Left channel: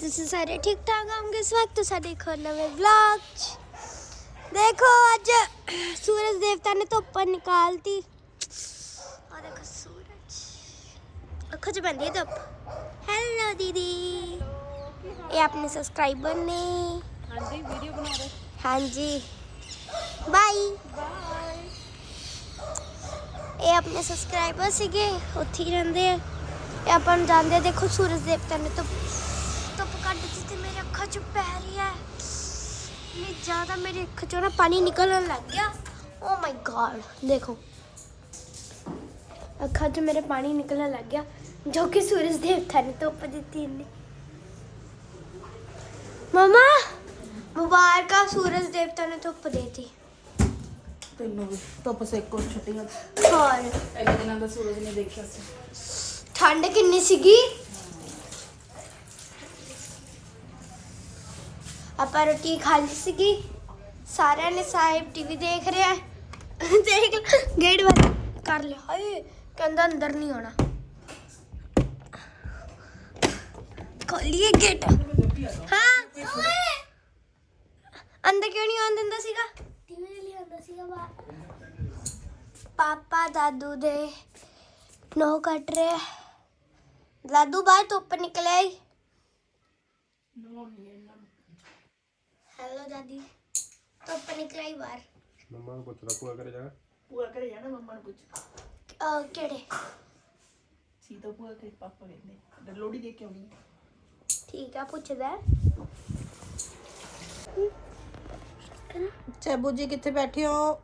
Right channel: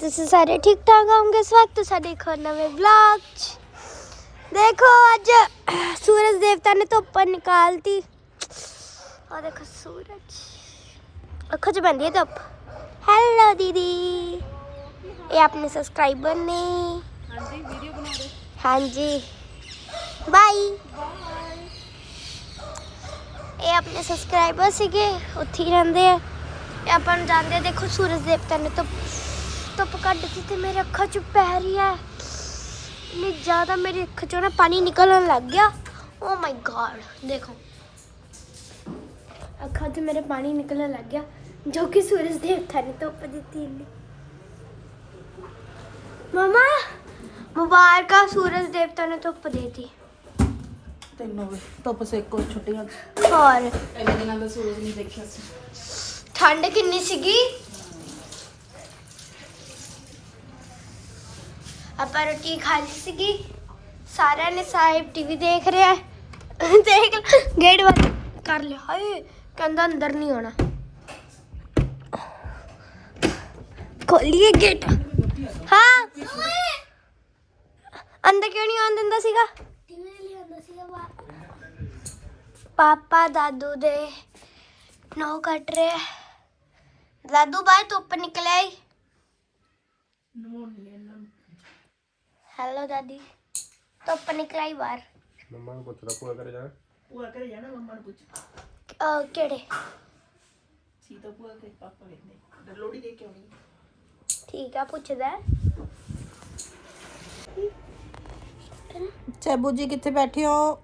ਤੁਸੀਂ ਸਾਰੇ ਠੀਕ ਠਾਕ ਹੋਵੋਗੇ? ਸਵਾਗਤ ਹੈ ਸਾਡੇ ਇੱਕ ਹੋਰ ਨਵੇਂ ਵਲੌਗ 'ਚ। ਦੇਖੋ ਅੱਜ ਸੂਰਜ ਦੇਵਤਾ ਨੇ ਧੁੱਪ ਨਿਕਾਲਤੀ। ਆ ਦੇਖੋ ਸੂਰਜ। ਅੱਖਾਂ 'ਚ ਪੈਂਦੀ ਹੈ ਧੁੱਪ। ਹੈਲੋ ਦੀਦੀ। ਇਹ ਆਪਣੇ ਸਬਸਕ੍ਰਾਈਬਰ ਨੇ। ਹਾਂਜੀ ਵੀਡੀਓ ਬਣਾ ਰਹੇ। ਹਾਂਜੀ। ਬਾਈ ਇਹ ਆਪਣੇ ਸਬਸਕ੍ਰਾਈਬਰ ਸੀਗੇ ਉੱਥੇ ਹੀ ਰਹਿੰਦੇ ਆ। ਆਪਾਂ ਨੂੰ ਜਾਣਦੇ। ਦੇਖੋ ਸੂਰਜ ਦੇਵਤਾ ਨੇ ਧੁੱਪ ਧੁੱਪ ਕੱਢ ਦਿੱਤੀ ਤੇ ਮੇਰੇ ਅੱਖਾਂ 'ਚ ਪੈ ਰਹੀ ਹੈ। ਇੰਨੀ ਜ਼ਿਆਦਾ ਮੇਰੀ ਅੱਖਾਂ 'ਚੋਂ ਨਾ ਪਾਣੀ ਨਿਕਲਣ ਲੱਗ ਗਿਆ। ਓ ਮਾਈ ਗॉड ਦੇਖੋ। ਅੱਖਾਂ 'ਚ ਮੇਰੇ ਪਾਣੀ ਨਿਕਲਣ ਲੱਗ ਗਿਆ ਜੋ ਕਿ ਸੂਰਜ ਦੇਵਤਾ ਨੇ ਧੁੱਪ ਦਿੱਤੀ ਇਹਨੇ ਮਮਾ ਮੁਬਾਰਕਾਂ ਸੂਰਜ ਦੇਵਤਾ ਨੇ ਧੁੱਪ ਦੇਤੀ। ਤੈਨੂੰ ਵੀ ਧੁੱਪ ਸੇਕੋ ਛੁੱਟੀਆਂ ਹੋਰ। ਇੰਨੇ ਦਿਨਾਂ ਦਾ ਸੂਰਜ ਨਹੀਂ ਦੇਖਿਆ ਸੀ। ਠੰਡ ਕਿੰਨੀ ਸੀਗੀ? ਆਪਾਂ ਰੋਟੀ ਖਾ ਲਈ ਸੀਗੀ। ਸਾਰਿਆਂ ਨੇ ਸਾਹਿਬ ਟੀਵੀ ਦੇਖ ਰਿਹਾ ਦੇਖ, ਗੇਟ ਬੰਦ ਕਰ ਲਿਆ। ਹਾਏ, ਕਹਿੰਦਾ ਅੰਦਰ ਨਹੀਂ ਆਉਣਾ। ਖੋਲੀਏ ਗੇਟ। ਹਾਂ। ਅੰਦਰ ਕਿਉਂ ਨਹੀਂ ਆਉਣ ਦਿੰਦਾ ਸੀਗਾ? ਟੀਵੀ ਲਈ ਆਉਂਦਾ ਸੀਗਾ ਪਾਪਾ ਦਾਦੂ ਦੇ ਨੋ ਕੱਟ ਰਿਹਾ ਦਾਦੂ ਬਾਹਰ ਧੁੱਪ ਨਿਕਲਿਆ ਈ। ਹੈਲੋ ਦਾਦੀ ਧੁੱਪ ਨਿਕਲਿਆ ਈ ਬਾਹਰ ਮੰਮਾ ਨੂੰ ਪੁੱਛਦਾ ਭੂਆ ਘਰੇ ਜਾਣਾ ਭੂਆ ਘਰੇ ਜਾਣਾ ਮੰਮਾ ਨੂੰ ਪੁੱਛ ਅਹ, ਕਿਹੜੇ ਸੀ ਤਾਂ ਭੂਆ ਕੇ ਪਾਪਾ ਵੇਖਦੇ ਲੋੜੀ ਦੇ ਕੇ ਆਉਣੀ ਠੀਕ ਆ ਪੁੱਛਦਾ ਹੈ। ਚੈਬੂ ਜੀ ਕਿੱਥੇ ਬੈਠੇ ਹੋ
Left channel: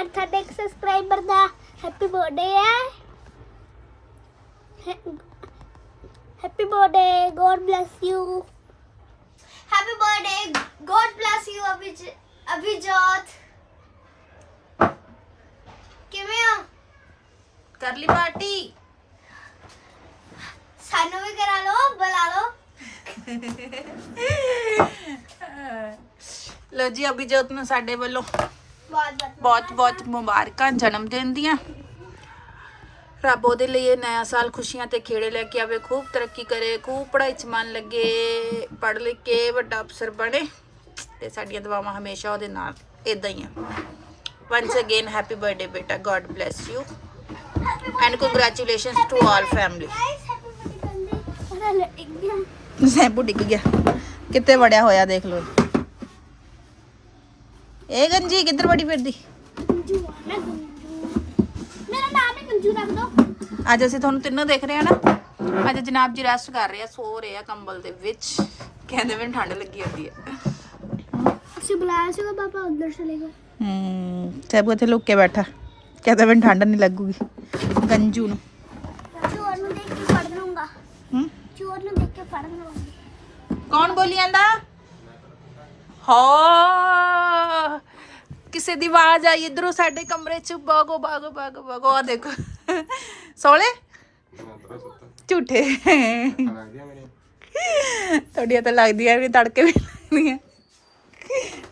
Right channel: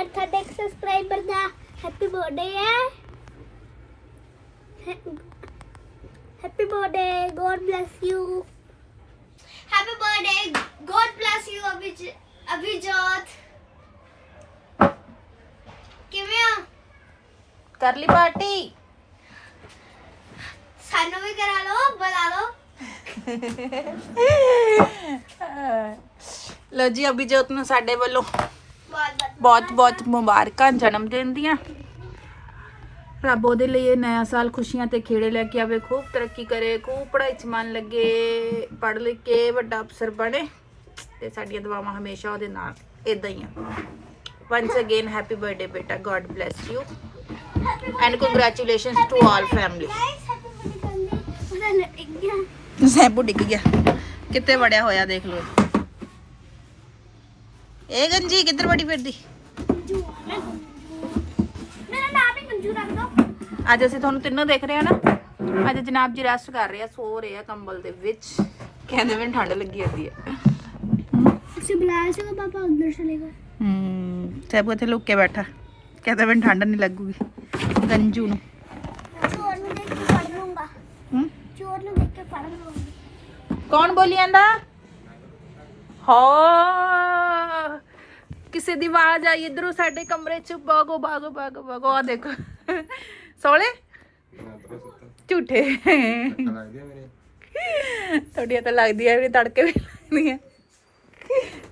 ਅੱਜ ਸਾਡੇ ਇੱਕ ਸਬਸਕ੍ਰਾਈਬਰ ਦਾ ਹੈਪੀ ਬਰਥਡੇ ਹੈ happy birthday god bless you happy birthday god bless you ਅਭਿਜ Abhijot ਕਿਵੇਂ ਹੋ ਕਰ ਲਈ ਪਾਰਟੀ ਸਾਨੂੰ ਵੀ ਕਰਾ ਲਓ ਬੁਲਾ ਲਓ ਲੋ ਜੀ ਅਭਿਜੋਤ ਨੂੰ ਸਾਡੇ ਵੱਲੋਂ ਬਹੁਤ ਬਹੁਤ ਬਹੁਤ ਬਹੁਤ ਮੁਬਾਰਕਾਂ ਜਨਮ ਦਿਨ ਦੀਆਂ। ਰੱਬ ਉਹਦੇ ਲਈ ਇਹ ਨਇਆ ਸਾਲ ਖੁਸ਼ੀਆਂ ਤੇ ਖੇੜੇ ਲੈ ਕੇ ਆਵੇ, ਖੂਬ ਤਰੱਕੀ ਕਰੇ, ਖੂਬ ਪੜ੍ਹਾਈ 'ਚ ਮਨ ਲੱਗੇ, ਪੜ੍ਹ ਲਿਖ ਕੇ ਵੱਡਾ ਅਫਸਰ ਬਣੇ ਤੇ ਸਾਡੀਆਂ ਦੁਆਵਾਂ ਹਮੇਸ਼ਾ ਉਹਦੇ ਨਾਲ ਇਦਾਂ ਹੀ ਆ। ਵਨਸ ਅਗੇਨ ਹੈਪੀ ਬਰਥਡੇ ਬੇਟਾ god bless you and congratulations to all family shampoo ਡਿੱਗ ਗਿਆ ਕਿੱਥੇ ਵੜਿਆ ਹੋਇਆ ਦੇਖ ਲਓ। ਇਹ ਗੰਜੀ ਕਿੱਧਰ ਵੜੀ ਫਿਰਦੀ ਗੰਜੂ ਆ ਮੈਂ ਗੰਜੂ ਰੱਖ ਦੋ ਅੱਜ ਅਸੀਂ ਤੁਹਾਨੂੰ ਤਿੰਨੋਂ ਦੇਖ ਰਹੇ ਹਾਂ ਨਾ। ਅੱਜ ਜਨਾਬ ਜੀ ਰੈਸਟ ਕਰ ਰਹੇ ਆ ਸੋ ਰਹੇ ਆ ਕੰਬਲ ਦੇ ਵਿੱਚ। ਕਹਿੰਦੇ ਮੈਨੂੰ ਠੰਡ ਲੱਗੀ ਜਾਂਦੀ ਹੈ ਅਸੀਂ ਬੁਲਾਇਆ ਸੀਗਾ ਪਾਪਾ ਅੰਦਰ ਚਲੇ ਗਏ। ਹੂੰ ਸੈਬੂ ਇੱਥੇ ਲੁੱਕ ਕੇ ਬੈਠਾ। ਕਹਿੰਦਾ ਮੈਨੂੰ ਠੰਡ ਨਹੀਂ ਲੱਗੂਗੀ ਗੰਜੂ ਨੂੰ। ਚੋਰ ਨੂੰ ਦੇਖ ਕੇ ਪੜ ਲੂੰਗਾ ਹੂੰ? ਚੋਰ ਨੂੰ ਦੇਖ ਕੇ ਪੜ ਲੂੰਗਾ ਕੌਣ ਬੋਲੀ ਜਾਂਦਾ? ਹਾਂ। ਕਿਸੇ ਦੀ ਆਵਾਜ਼ ਆਈ ਇਧਰੋਂ ਸਾਡੇ ਕਮਰੇ ਚ ਬਾਗੋ ਬਾਗੋ ਬਾਗੋ ਬਾਗੋ ਆ ਦੇਖੋ। ਸੋਲੇ? ਝੂਠੇ। ਤੁਹਾਡੀਆਂ ਤਾਂ ਲੱਗਦੀਆਂ ਵੀ ਤੜਕੇ ਵੀ ਲੱਗਦੀਆਂ।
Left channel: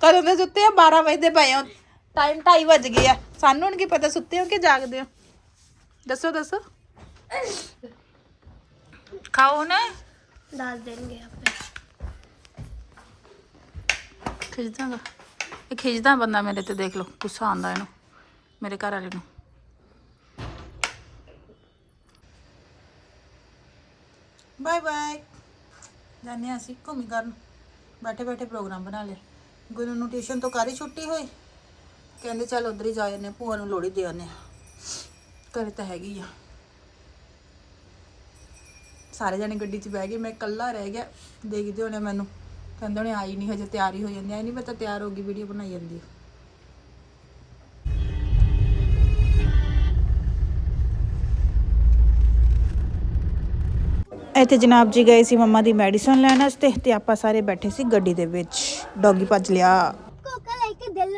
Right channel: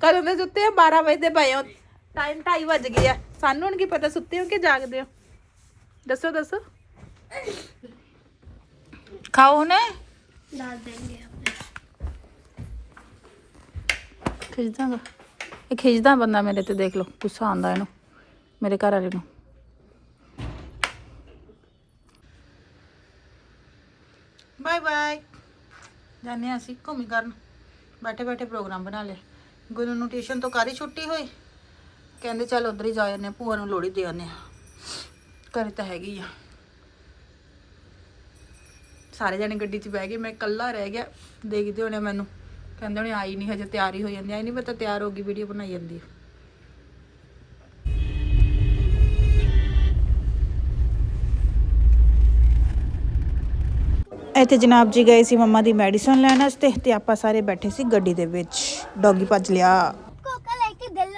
ਕਦੋਂ ਦੇ ਸੁੱਤੇ ਆ? 12 ਵਜੇ ਦੇ ਪਏ ਹੋ ਟਾਈਮ 2:30 ਵੱਜ ਗਏ ਆ। ਸਾਨੂੰ ਹੁਣ ਕੀ ਪਤਾ ਸੁੱਤੇ ਹੋ ਕਿ ਜਾਗਦੇ ਹੋ? ਦੱਸੋ ਦੱਸੋ। ਖਾਓ ਨੇ ਦੱਸ ਦੇਣਗੇ ਆਪੇ। ਖਿੱਚਦਾਗਾ ਇਹ ਖਿੱਚਦਾ ਬੰਦਾ ਮੇਰੇ ਤੇ, ਦੇਖ ਲਓ, ਗੁੱਸਾ ਆਉਂਦਾ ਇਹਨੂੰ, ਮੇਰੇ ਘਰ ਵਾਲੇ ਨੂੰ। Bye bye. ਜਾਨੇ ਅਸੀਂ ਘੁੰਮੀ ਕਰਨ। ਬੈਠੇ ਬੈਠੇ ਪ੍ਰੋਗਰਾਮ ਬਣਾ ਲਿਆ। ਗੁਰੂ ਨੂੰ ਟਿਊਸ਼ਨ ਤੋਂ ਕਾਰੀ ਛੁੱਟੀ ਹੋਈ। ਕਹਿੰਦੇ ਚੱਲ ਉਧਰ ਹੀ ਜਾ ਜਾਂਦੇ ਭੂਆ ਨੂੰ ਲੋੜੀ ਦੇ ਆਉਂਦੇ ਆ ਘਰੇ ਤਾਂ ਹੈਗੀ ਆ। ਸਾਰੇ ਜਣੇ ਗੱਡੀ 'ਚ ਬਹਿ ਗਏ, ਮੈਂ ਇਕੱਲਾ ਰਹਿ ਗਿਆ। ਦੇਖਦੇ ਹੋਣੇ ਮੈਨੂੰ। ਕਹਿੰਦੇ ਹੋਣੇ ਆਈ ਨਹੀਂ ਹਜੇ ਤਿਆਰੀ ਹੋ ਜਾਂਦੀ ਆਈ ਨਹੀਂ ਪਤਾ ਤਿਆਰ ਹੋ ਗਈ ਵੀਡੀਓ ਬਣਾਈ ਜਾਂਦੀ। ਇੱਥੇ ਜਨਾਬ ਜੀ ਗਏ ਸੀ ਮੰਮਾ ਦੀ ਮੈਡੀਸਨ ਲੈਣ ਵਾਸਤੇ ਤੇ ਆਪਾਂ ਸਾਰੇ ਬੈਠੇ ਸੀ ਗੱਡੀ ਦੇ ਵਿੱਚ। ਡੌਗੀ ਭੱਜ ਲਿਆ। ਕੋਕਾ ਲੈ ਕੇ ਦਿਲ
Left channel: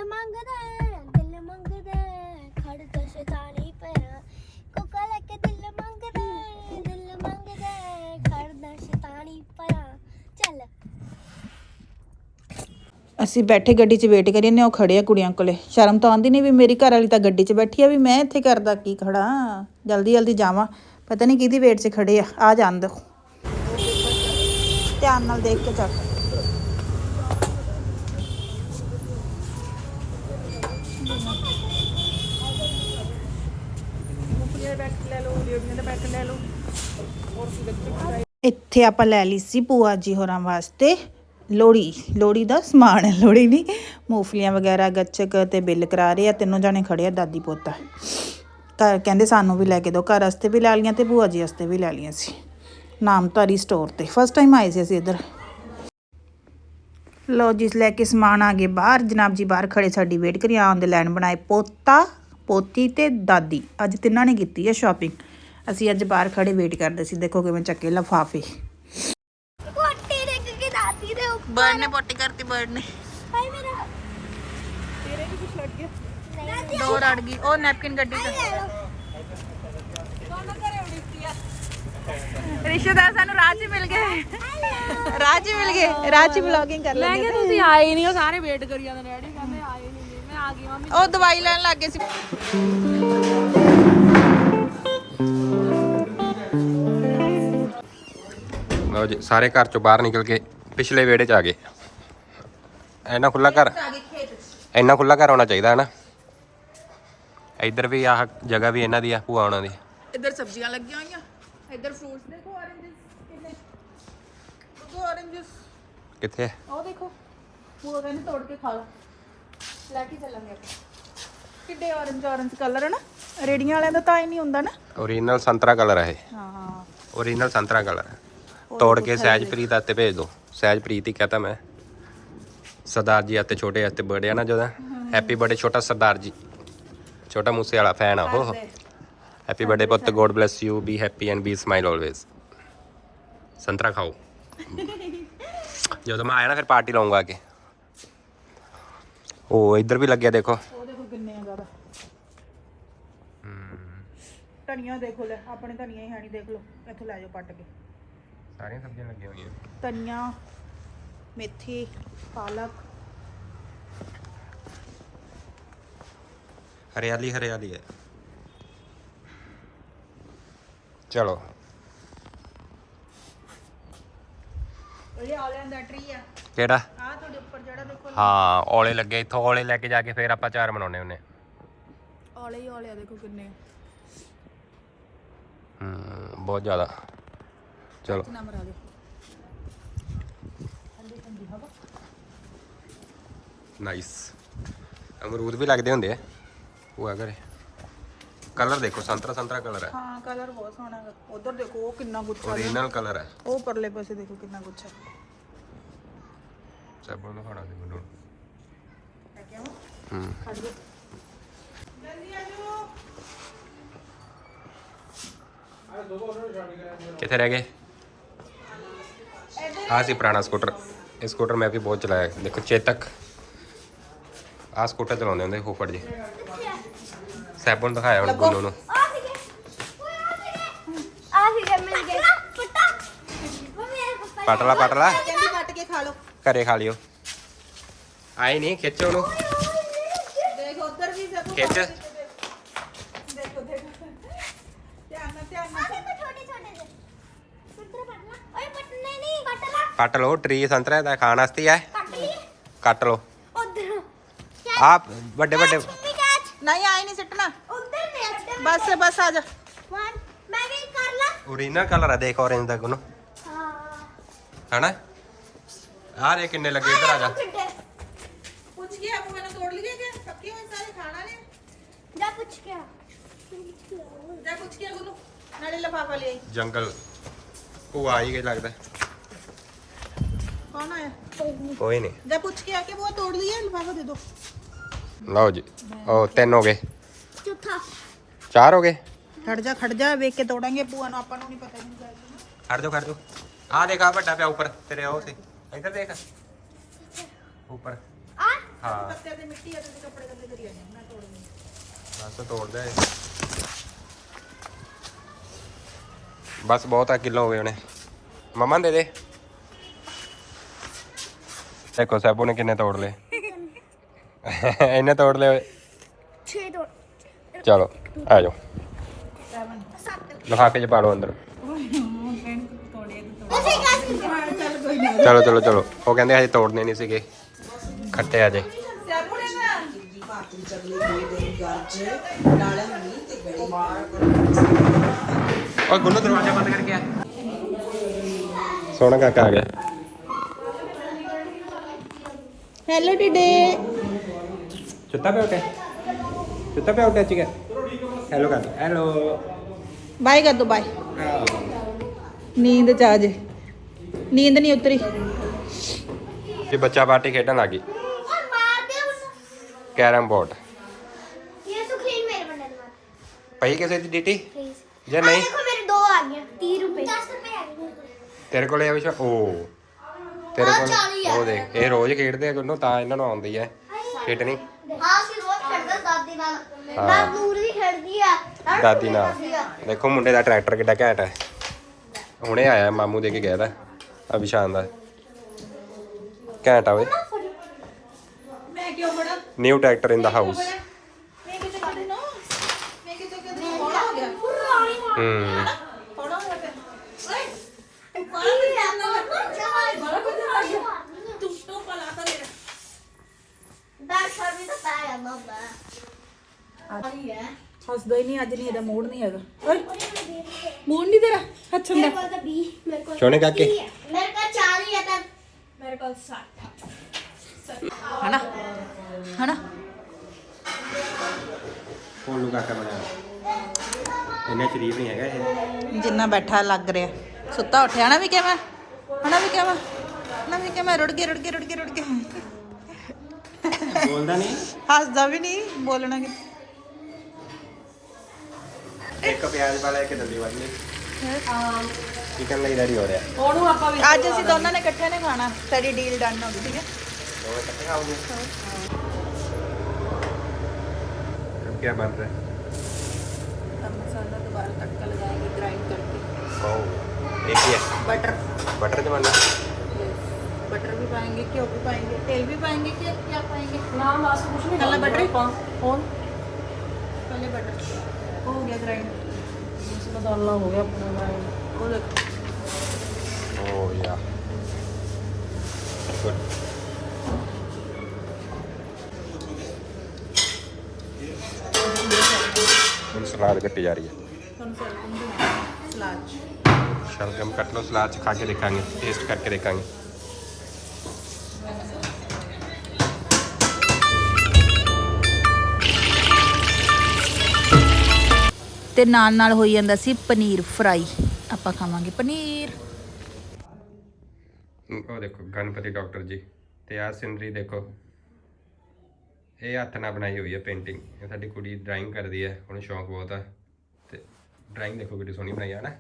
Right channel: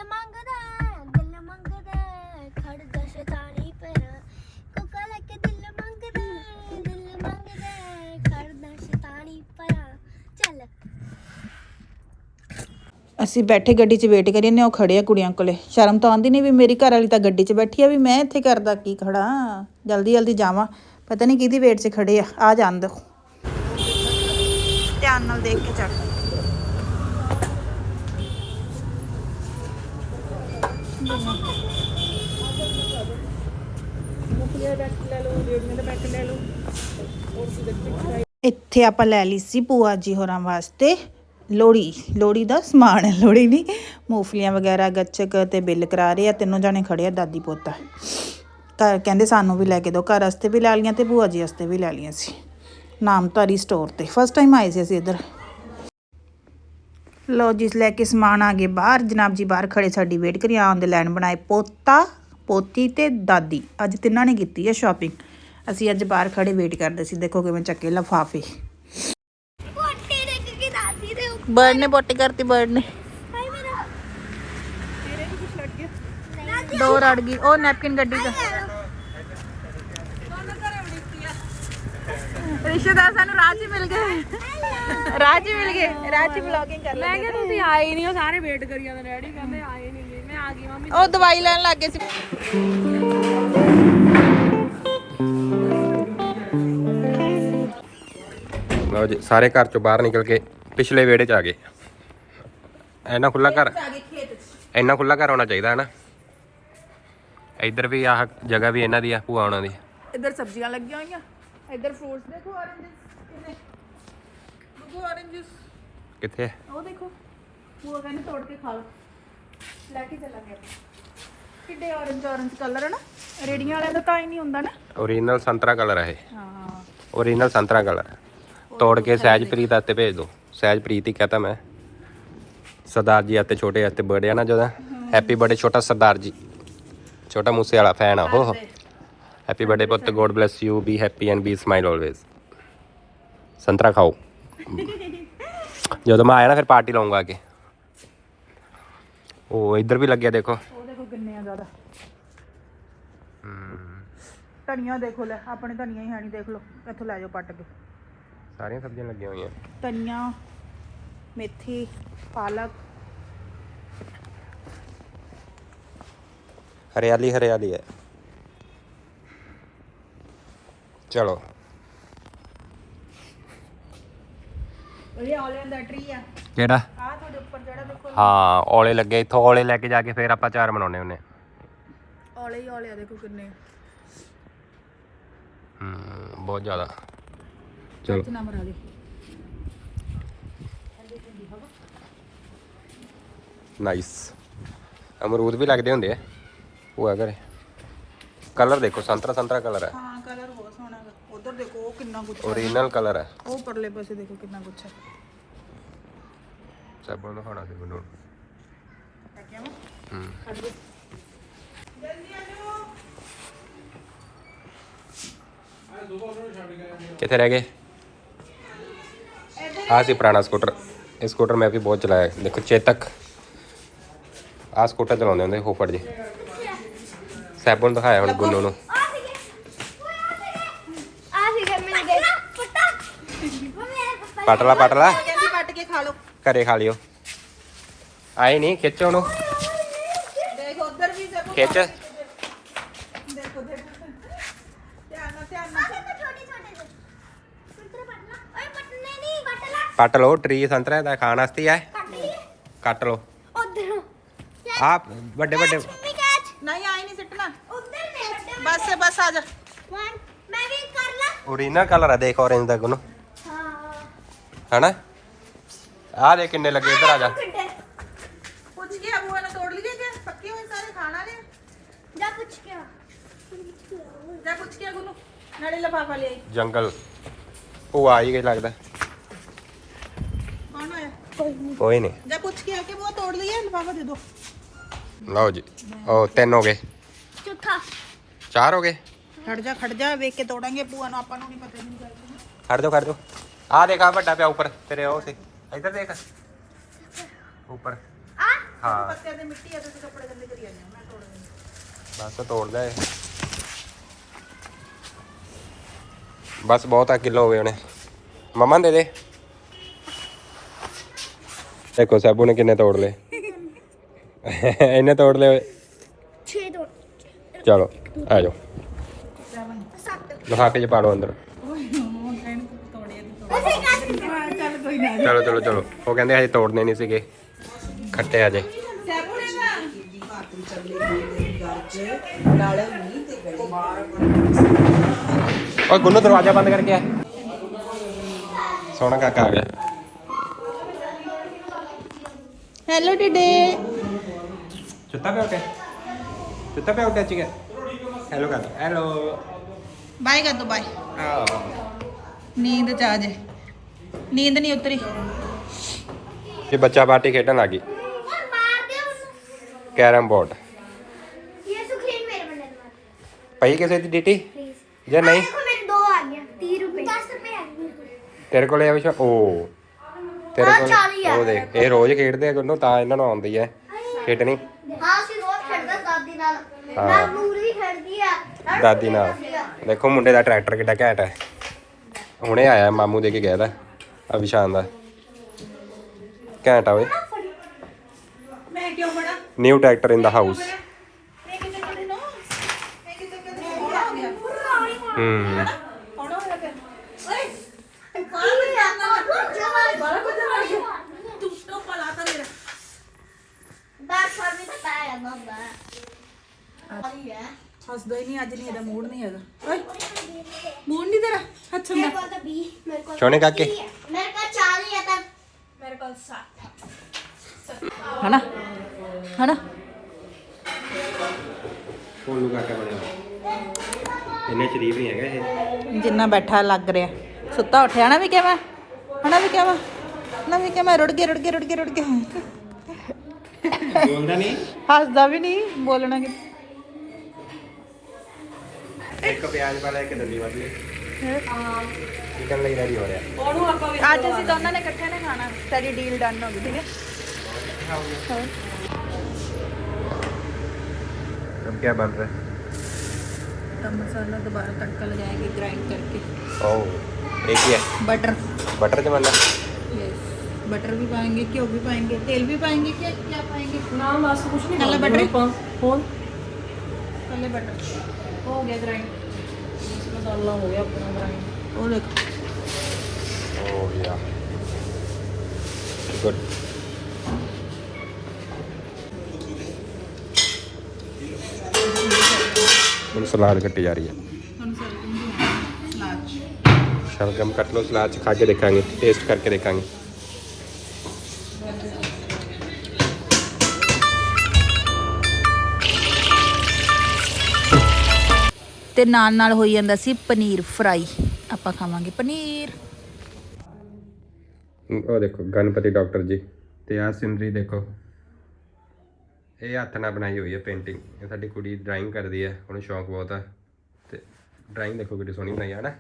ਅਸੀਂ ਬੈਠੇ ਗੱਡੀ 'ਚ ਵੇਟ ਕਰੀ ਨੇ ਉਹ ਖੜੇ ਆ ਕੁੜੀਆਂ ਕੋਲੇ। ਸ਼ਰਮ ਤਾਂ ਆਉਂਦੀ ਨਹੀਂ ਵੀ ਮੇਰੀ ਘਰ ਵਾਲੀ ਤਾਂ ਗੱਡੀ 'ਚ ਬੈਠੀ ਆ, ਵੀ ਮੈਂ ਇੱਥੇ ਕਰਦਾ ਕੀ ਖੜਾ? ਜਲਦੀ ਜਲਦੀ ਜਾਵਾਂ। ਪਤਾ ਨਹੀਂ ਕਿਹਦੀ ਵੇਟ 'ਚ ਖੜੇ ਆ। ਆ ਜਾਣ ਦਿਓ ਦੇਖ ਕੇ ਚੱਕ ਇੱਥੇ ਆਪਾਂ ਲੈ ਲਈ ਸੀ ਭੂਆ ਜੀ ਹੋਰਾਂ ਵਾਸਤੇ। ਲੋੜੀ ਲੋੜੀ ਦਾ ਸਮਾਨ ਹੈ ਲੋੜੀ ਨਹੀਂ ਮੂੰਗਫਲੀਆਂ ਵਗੈਰਾ, ਗੱਚਕ ਤੇ ਬਿੱਲ ਕਰਾ ਰਹੇ ਆ, ਤਿੰਨੋਂ ਜਾਣੇ ਖੜੇ ਆ, ਦਾਦੀ ਪੋਤਾ ਘਰ ਕਹਿੰਦੇ ਸਾਨੂੰ ਵੀ ਲੈ ਕੇ ਦਿਓ, ਘਰ ਵਾਸਤੇ ਵੀ ਲੈ ਲਈਆਂ ਤੇ ਭੂਆ ਜੀ ਵਾਸਤੇ ਵੀ ਲੈ ਲਈਆਂ ਸੀ। ਨਾਮਧਾਰੀ ਸਟੋਰ ਤੇ ਫਸਟ ਟਾਈਮ ਆਏ ਸੀ ਅਸੀਂ ਇੱਧਰ। ਲੋ ਜਿਸ ਲੈ ਕੇ ਸਮਾਨ ਆ ਗਏ ਬਾਹਰ, ਜਨਾਬ ਜੀ ਬਾਹਰ ਖੜੇ, ਸਾਡੀ ਵੇਟ ਕਰੀ ਆਉਣ ਦੇ ਲਾਈਨ ਬਣਾਏ, ਪੋਤਾ, ਪੋਤੀ ਤੇ ਦਾਦੀ। ਅੱਜ ਤਿੰਨਾਂ ਨੇ ਕੀਤੀ ਹੈ ਸ਼ਾਪਿੰਗ ਅਸੀਂ ਅੱਜ ਬਾਹਰ ਖੜੇ ਵੇਟ ਕਰਦੇ ਸੀ, ਦੇਖੋ ਕਿਵੇਂ ਚੱਕੇ, ਲਫਾਫੇ। ਕੇ ਦਾਦੀ ਦੇ ਉੱਪਰ ਬਰਡ ਨੇ ਪੋਟੀ ਕਰਤੀ ਬਰਡ ਨੇ। ਭਾਈ ਮੇਰਾ। ਤੇਰੇ ਵੀ ਕੁਝ ਲੜ ਗਿਆ। ਦੋ ਰੜ ਗਈ ਉਹ ਨੈਪਕਿਨ ਗੱਡੀ ਦਾ ਰਿਸ਼ਤੇਦਾਰ ਸਾਨੂੰ 'ਚ ਮਿਲ ਗਏ 'ਚ ਮਿਲ ਗਏ 'ਚ ਵਲੌਗਿੰਗ ਕਰ ਮੈਂ ਕਿਹਾ ਤੁਸੀਂ ਆਏ ਨਹੀਂ ਉਹ ਸਾਰੇ ਵੇਟ ਕਰੀ ਜਾਂਦੇ ਡੈਡੀ ਕਹਿੰਦੇ ਆਏ ਨਹੀਂ। ਮੈਂ ਆ ਗਈ ਮੰਮੀ। ਉਹ ਦਵਾਈ ਲੈਣ ਲੱਗ ਗਏ ਸੀ। ਲਓ ਜੀ ਸਾਰੇ ਘਰ ਚੋਂ ਬਾਹਰ ਨਿਕਲ ਕੇ ਪਿਛਲੇ ਵਿਹੜੇ ਚ ਆ ਗਏ। ਇੰਨਾ ਖੁੱਲਾ ਘਰ ਇੰਨਾ ਖੁੱਲਾ ਘਰ ਹੋਣਾ ਚਾਹੀਦਾ ਹੈ ਨਾ ਇੱਧਰ ਵੀ ਆਹ ਜਗ੍ਹਾ ਵੀ ਇਹਨਾਂ ਦੀ ਆ ਭੂਆ ਉਹਨਾਂ ਦੀ। ਇੱਧਰ ਸਬਜ਼ੀਆਂ ਲੱਗੀਆਂ ਹੋਈਆਂ ਇੱਧਰ ਫਰੂਟਸ ਦੇਖੋ oranges ਕਿੰਨੇ? ਦੇਖੋ oranges ਕਿੱਥੇ ਉਹ ਦੇਖੋ ਉਹ ਕਹਿੰਦੇ ਤੋੜ ਕੇ ਖਾ ਲਓ। ਲੈ ਕੇ ਚੱਲਾਂਗੇ ਕਿੱਡੇ orange orange ਕਲਰ ਹੈ ਨਾ ਰੇੜੀਆਂ ਵਾਲਿਆਂ ਦਾ ਤਾਂ ਹੀ ਨਹੀਂ ਹੁੰਦਾ ਨਾ। ਓਰੀਜਨਲ ਸੰਤਰਾ ਕਲਰ ਹੈ ਇਹ। ਹਾਂ ਓਰੀਜਨਲ ਸੰਤਰਾ ਕਲਰ ਤੋੜ ਕੇ ਸਹਿਜਪ੍ਰੀਤ ਹੱਥੇ ਭੇਜ ਦਿਓ ਸਹਿਜਪ੍ਰੀਤ ਹੀ ਕਹਤਾ ਮੈਂ। ਸਰਦਾਰ ਜੀ ਹੱਥੇ ਛੋਟੇ ਹੱਥੇ ਬਰਥਡੇ ਆ ਨਾ ਜਦੋਂ। ਹੈਪੀ ਬਰਥਡੇ ਛੋਟਾ ਸਰਦਾਰ ਜੀ। ਛੋਟਾ ਮੂਸੇ ਵਾਲਾ ਫੈਨ ਆ ਹੋ ਹੈਪੀ ਬਰਥਡੇ ਪੁੱਤ god bless you be happy and be smile always ਸੰਤਰਾ ਖਾਓ। ਜਦੋਂ ਮੈਂ ਆਇਆ ਨਾ ਫਿਰ ਪਾਰਟੀ ਲਾਉਂਗਾ ਕੇ ਉਹ ਇੱਧਰ ਵੀ ਲੱਗਿਆ ਦੇਖੋ। ਉਹ ਦੇਖੋ ਕਿੰਨੇ ਆ ਜ਼ਿਆਦਾ। ਧਨੀਆ ਦੇਖੋ ਲੈ ਆਪਣੀ ਧਨੀਆ ਹੀ ਹਾਣੀ ਦੇਖ ਲਓ। ਇੱਥੋਂ ਲੈ ਜਾਓ ਪੱਟ ਕੇ। ਸਾਰੀਆਂ ਸਬਜ਼ੀਆਂ ਲੱਗੀਆਂ ਹੋਈਆਂ। ਧਨੀਆ। ਮੇਥੀ ਪਾਲਕ। ਹਰਿਆਲੀ ਹਰਿਆਲੀ ਹੈ। ਚਲੋ। ਇਹ ਆਲਿਆਂ ਦਾ ਟਰੀ ਆ। ਕਿਹੜਾ? ਆ ਤੁਹਾਡੇ ਉੱਪਰ ਜਿਹੜਾ ਦੇਖੋ। ਹਾਂ ਔਲੇ ਲੱਗੇ। ਇੱਥੋਂ ਔਲੇ ਲੈ ਕੇ ਜਾ ਕੇ ਫਿਰ ਆਪਾਂ ਚਾਰ ਬਣਾਉਣੇ ਹੁੰਨੇ ਔਲੇ ਹੀ ਔਲੇ ਆ ਦੇਖੋ ਕਿੰਨੇ। ਹੂੰ ਬਹੁਤ ਜ਼ਿਆਦਾ। ਚਲੋ। ਨਾ ਮਰਾ ਲਈ ਨਾਈਸ ਅਮਰੂਦ ਵੀ ਲੱਗਦੇ ਹੁੰਦੇ ਆ ਉਹ ਘਰੇ ਕਲਰ ਦੇਖੋ ਸੰਤਰਾ ਸੰਤਰਾ ਕਲਰ ਹੈ ਹਾਂ ਕਲਰ ਬਹੁਤ ਸੋਹਣਾ ਹੈ ਉਧਰ ਦੇਖੋ ਉਹ ਕਿੰਨਾ ਗੁੱਛਾ ਓਰੀਜਨਲ ਕਲਰ ਹੈ ਉਹ ਪਰਲੇ ਪਾਸੇ ਦੇਖੋ ਕਿੰਨਾ ਗੁੱਛਾ ਸਭ ਨੂੰ ਖਾਣਾ ਸੀ ਮੈਨੂੰ ਹੂੰ ਕਿੱਥੇ ਰਹਿ ਗਏ ਆ ਸੀ ਪੁਰਾਣਾ ਸਕੂਟਰ ਇਹ ਸਕੂਟਰ ਮੈਂ ਵੀ ਬਹੁਤ ਚਲਾਇਆ ਹੈ। ਦੇਖੋ ਚੇਤਕ ਆ ਸਕੂਟਰ ਚਲਾਉਂਦੇ ਹੁੰਦੇ ਹੋਫੜ ਜੀ। ਸੈਬੂ ਨੂੰ ਦਿਖਾਇਆ ਹੁਣ ਗੁੰਨੂ ਨੂੰ। ਆ ਸੀ ਮਿਲ ਗਏ ਪਟਾ ਮੰਮੀ ਪਪਾ ਪਟ ਲਾ ਪਟ ਲਾ ਕਹਿੰਦੀ ਕੱਟ ਕੇ ਖਾ ਲਓ ਘਰੇ ਖਾ ਲਿਓ। ਆਏ ਨਹੀਂ ਖਿੱਚ ਉਹਨੂੰ। ਦੇਖ ਉਧਰ ਵੀ ਦੇਖੋ। ਖਿੱਚ। ਦੇਖੋ ਦੇਖੋ। ਧਿਆਨ ਨਾਲ ਧਿਆਨ ਨਾਲ। ਛੋਟੇ ਛੋਟੇ ਜਿਹੇ ਪਟਨਾ ਓਏ ਪਟਨੇ ਨਹੀਂ ਕੱਟ ਲਾ ਪੱਟ ਲਓ ਟਰੀ ਸੰਤਰਾ ਦਾ ਖਾਣ ਵਾਸਤੇ ਆ ਕੱਟ ਲਈ ਕੱਟ ਲਓ। ਆ ਵੱਡੇ ਵੱਡੇ ਨਹੀਂ ਆਏ ਨਹੀਂ ਸਿੱਟਣਾ। ਉਧਰ ਨੇ ਉੱਧਰ ਬਸ ਬਸ ਆ ਜਾ। ਵਨ ਮੈਂ ਵੀ ਕਰ ਲਾ। ਓਰੀਜਨਲ ਕਲਰ ਆ ਦੇਖ orange ਦਾ ਗੁੰਨੂ ਹਾਂ। ਹਨਾ? ਆ ਦੇ ਕਿੰਨੇ ਲੱਗੇ ਇੱਧਰ ਆ ਜਾ। ਪੁੱਛ ਗਿਆ ਬੂਆ ਨੇ ਤੋੜ ਲਈਏ ਕਿ? ਪੱਕੇ ਹੋਏ ਸਾਰੇ ਖਾਣਾ ਨੇ ਜਾ ਪੁੱਛ ਕੇ ਆ। ਜਾ ਪੁੱਛ ਗਿਆ ਗੁਰੂ। ਨਾਲੇ ਲਫਾਫਾ ਲੈ। ਜੰਗਲ। ਉਹ ਆ ਹੀ ਗਈ ਲੱਗਦਾ। ਕੌਣ ਹੈ ਕੋਈ ਨਹੀਂ। ਜਾ ਪੁੱਛ ਕੇ ਆ ਕੇ ਬੂਆ ਤੋੜ ਲਈਏ ਲਫਾਫਾ ਦੇ ਦੋ। ਲਓ ਜੀ। ਉਹ ਤਿੰਨ ਹੋ ਗਏ। ਚੌਥਾ। ਚਾਰ ਹੋ ਗਏ। ਖੜ ਜਾ ਖੜ ਜਾ ਵੇਖ ਕੇ ਤੋੜਾਂਗੇ ਬੂਆ ਨੂੰ ਆਪਾਂ ਨੂੰ ਨਹੀਂ ਪਤਾ ਨਹੀਂ ਚੱਲਦਾ ਖੜ ਜਾਓ ਖੜ ਜਾਓ। ਆ ਦੇਖ ਆ ਵੱਡਾ ਪਿਆ ਉੱਪਰ ਤੇਰੇ ਉਹ ਸੀ। ਇੱਧਰ ਦੇਖ। ਉੱਪਰ। ਆ ਹਾਂ। ਪੱਤੇ ਤੇ ਮਿੱਟੀ ਆ ਤੇ ਕੱਪੜੇ ਥੱਲੇ ਕਰੀ ਜਾਂਦੇ ਮੈਂ ਤੋੜ ਦਿੰਦੀ। ਬਸ ਤੋੜ ਲੈ। ਇਹ। ਬਸ ਬਹੁਤ ਆ ਕਿਲੋ ਹੋ ਗਏ ਉਹਨੇ ਮਮਾ ਦੇ ਦੇ। ਦੇਖੋ ਸਾਬੂ ਨੇ ਕਿੰਨੇ ਤੋੜ ਲਏ। ਇਹਨੇ ਤੋੜ ਓਏ। 6 ਦੋ ਚਲੋ ਆ ਜਾਓ ਲਿਫਾਫੇ ਚ ਪਾ ਲਓ ਅੰਦਰ ਤੋੜੇ ਤੋੜ ਚਲੋ ਚਲੋ ਚਲੋ ਉਹ ਕਹਿੰਦੇ ਹਜੇ ਤੋੜਨੇ ਨਹੀਂ ਸੀਗੇ ਖੱਟੇ ਅਜੇ ਓਏ ਗੁੰਨੂ ਦਰਵਾਜ਼ਾ ਬੰਦ ਕਰਕੇ ਆ ਸੋਹਣਾ ਕਾਕਾ ਆ ਗਿਆ ਹੈਲੋ ਟਿਡੇ ਚੁੱਤਾ ਪਿਆ ਉੱਟੇ ਚੁੱਤਾ ਪਿਆ ਉੱਟੇ ਚਿਕਾ ਹੈਲੋ ਕਰ ਦੋ ਹੈਲੋ ਬਾਏ ਕਰ ਦੋ ਬਾਏ ਨੀਂਦ ਚ ਆ ਜੇ ਨੀਂਦ ਨਹੀਂ ਉਤਰੀ ਇਹ ਬੱਚਾ ਬਾਟੀ ਖੇਡਣ ਲੱਗੀ ਕੈਰਮ ਬੋਰਡ ਪਈ ਕਿਸੇ ਦੀ ਡਿਟੀ ਜਾਂ ਨਹੀਂ ਤੇਰੇ ਕੋਲੇ ਆ ਵਿਸ਼ਾ ਓ ਤੇਰੇ ਕੋਲ ਉਹ ਦੇਖ ਇਹ ਰੋਜ਼ ਖੇਡਦੇ ਆ ਕਿੰਨੋ ਤਾਂ ਇਹਨਾਂ ਨੂੰ ਆਉਂਦੀ ਹੈ ਖੇਡਣੀ ਦਾਦੀ ਨਾਲ। ਦੇਖੋ ਮੁੰਡੇ ਦਾ ਟਰੈਕਟਰ ਕਿੱਡਾ ਘੈਂਟ ਹੈ। ਹੁਣੇ ਆਇਆ ਮਾਮੂ ਦੇ ਕੇ ਗਿਆ ਦਾ ਅਭਿਸ਼ਾਨ ਦਾ। ਘੈਂਟ ਆ ਓਏ। New tractor in the house ਜਿੰਨਾ ਬੈਠਾ ਲੱਗ ਰਿਹਾ। ਸੁੱਤਾ ਉੱਠਿਆ ਨਾ ਵੀ ਕਿਵੇਂ? ਹਣਾ ਵੀ ਕਿਵੇਂ? ਨਾ ਵੀ ਕਿਵੇਂ? ਰੁੜ ਗਿਆ ਰੁੜ ਗਿਆ ਰੁੜ ਗਿਆ ਰੁੜ ਗਿਆ ਬੋਲਦਾ ਨਹੀਂ? ਹੱਸਦਾ ਵੀ ਨਹੀਂ ਬੋਲਣਾ ਕਿ ਇੱਕ ਪਿਆਜ਼ ਵਾਲਾ ਇੱਕ ਦੰਦੀ ਵਾਲੀ ਚਿਕਨ ਲਈ ਰੈਡੀ ਹੋ ਰਿਹਾ ਅੱਜ ਅਸੀਂ ਦੋਨਾਂ ਨੇ ਇਕੱਠੇ ਨੇ ਖਾਣਾ ਸਾਡੀ ਡੀਲ ਡਨ ਹੋ ਗਈ ਠੀਕ ਹੈ अब क्या बन रहा है ਤਾਂ ਮਸਾਲਾ ਦੁਬਾਰਾ ਤੜਕਾ ਲਗਾਏਗੀ ਗ੍ਰਾਈਂਡ ਕਰਕੇ ओह एक ही है बटर बटर जमाना बटर भी पाएंगे घ्यो भी पाएंगे तेल भी पाएंगे क्या क्या पाएंगे ਨਾ ਬਸ ਕੁਛ ਨਹੀਂ पहले बटर ਹੁਣ पहले बटर ਹੋ ਗਿਆ ਗ੍ਰਾਈਂਡ ਇਸ ਮਸਾਲਾ ਹੋ ਗਿਆ ਆਪਣਾ ਗ੍ਰਾਈਂਡ ਉਹ ਕੱਟ ਲਓ ਸਲਾਦ ਚ ਖਾ ਕੇ ਦੇਖਾਂਗੇ ਟੇਸਟ ਕਰਕੇ ਦੇਖਾਂਗੇ। ਤੇ ਨਾਲ ਨਾਲ ਹੋਈ ਜਾਂਦਾ ਸੀ ਪਨੀਰ ਫਰਾਈ। ਆਪਾਂ ਖਾਵਾਂਗੇ ਪਨੀਰ। ਉਹ ਦੇਖੋ ਗਣਪਤੀ ਡਾਕਟਰ ਜੀ ਤੇ ਆਹ ਸਿਨਰੀ ਦੇਖੋ। ਇਹ ਹੱਥ ਨਾਲ ਬਣਾਈ ਹੋਈ ਹੈ ਪੇਂਟਿੰਗ। ਇਹ ਸਾਡੀ ਕੁੜੀ ਡਰਾਇੰਗ ਕਰਦੀ ਹੈ ਉਹਨੂੰ ਸ਼ੌਂਕ ਬਹੁਤ ਹੈ ਤੇ ਡਰਾਇੰਗ ਦੇਖੋ ਕਿੰਨੀ ਸੋਹਣੀ ਬਣਾਈ ਹੈ ਨਾ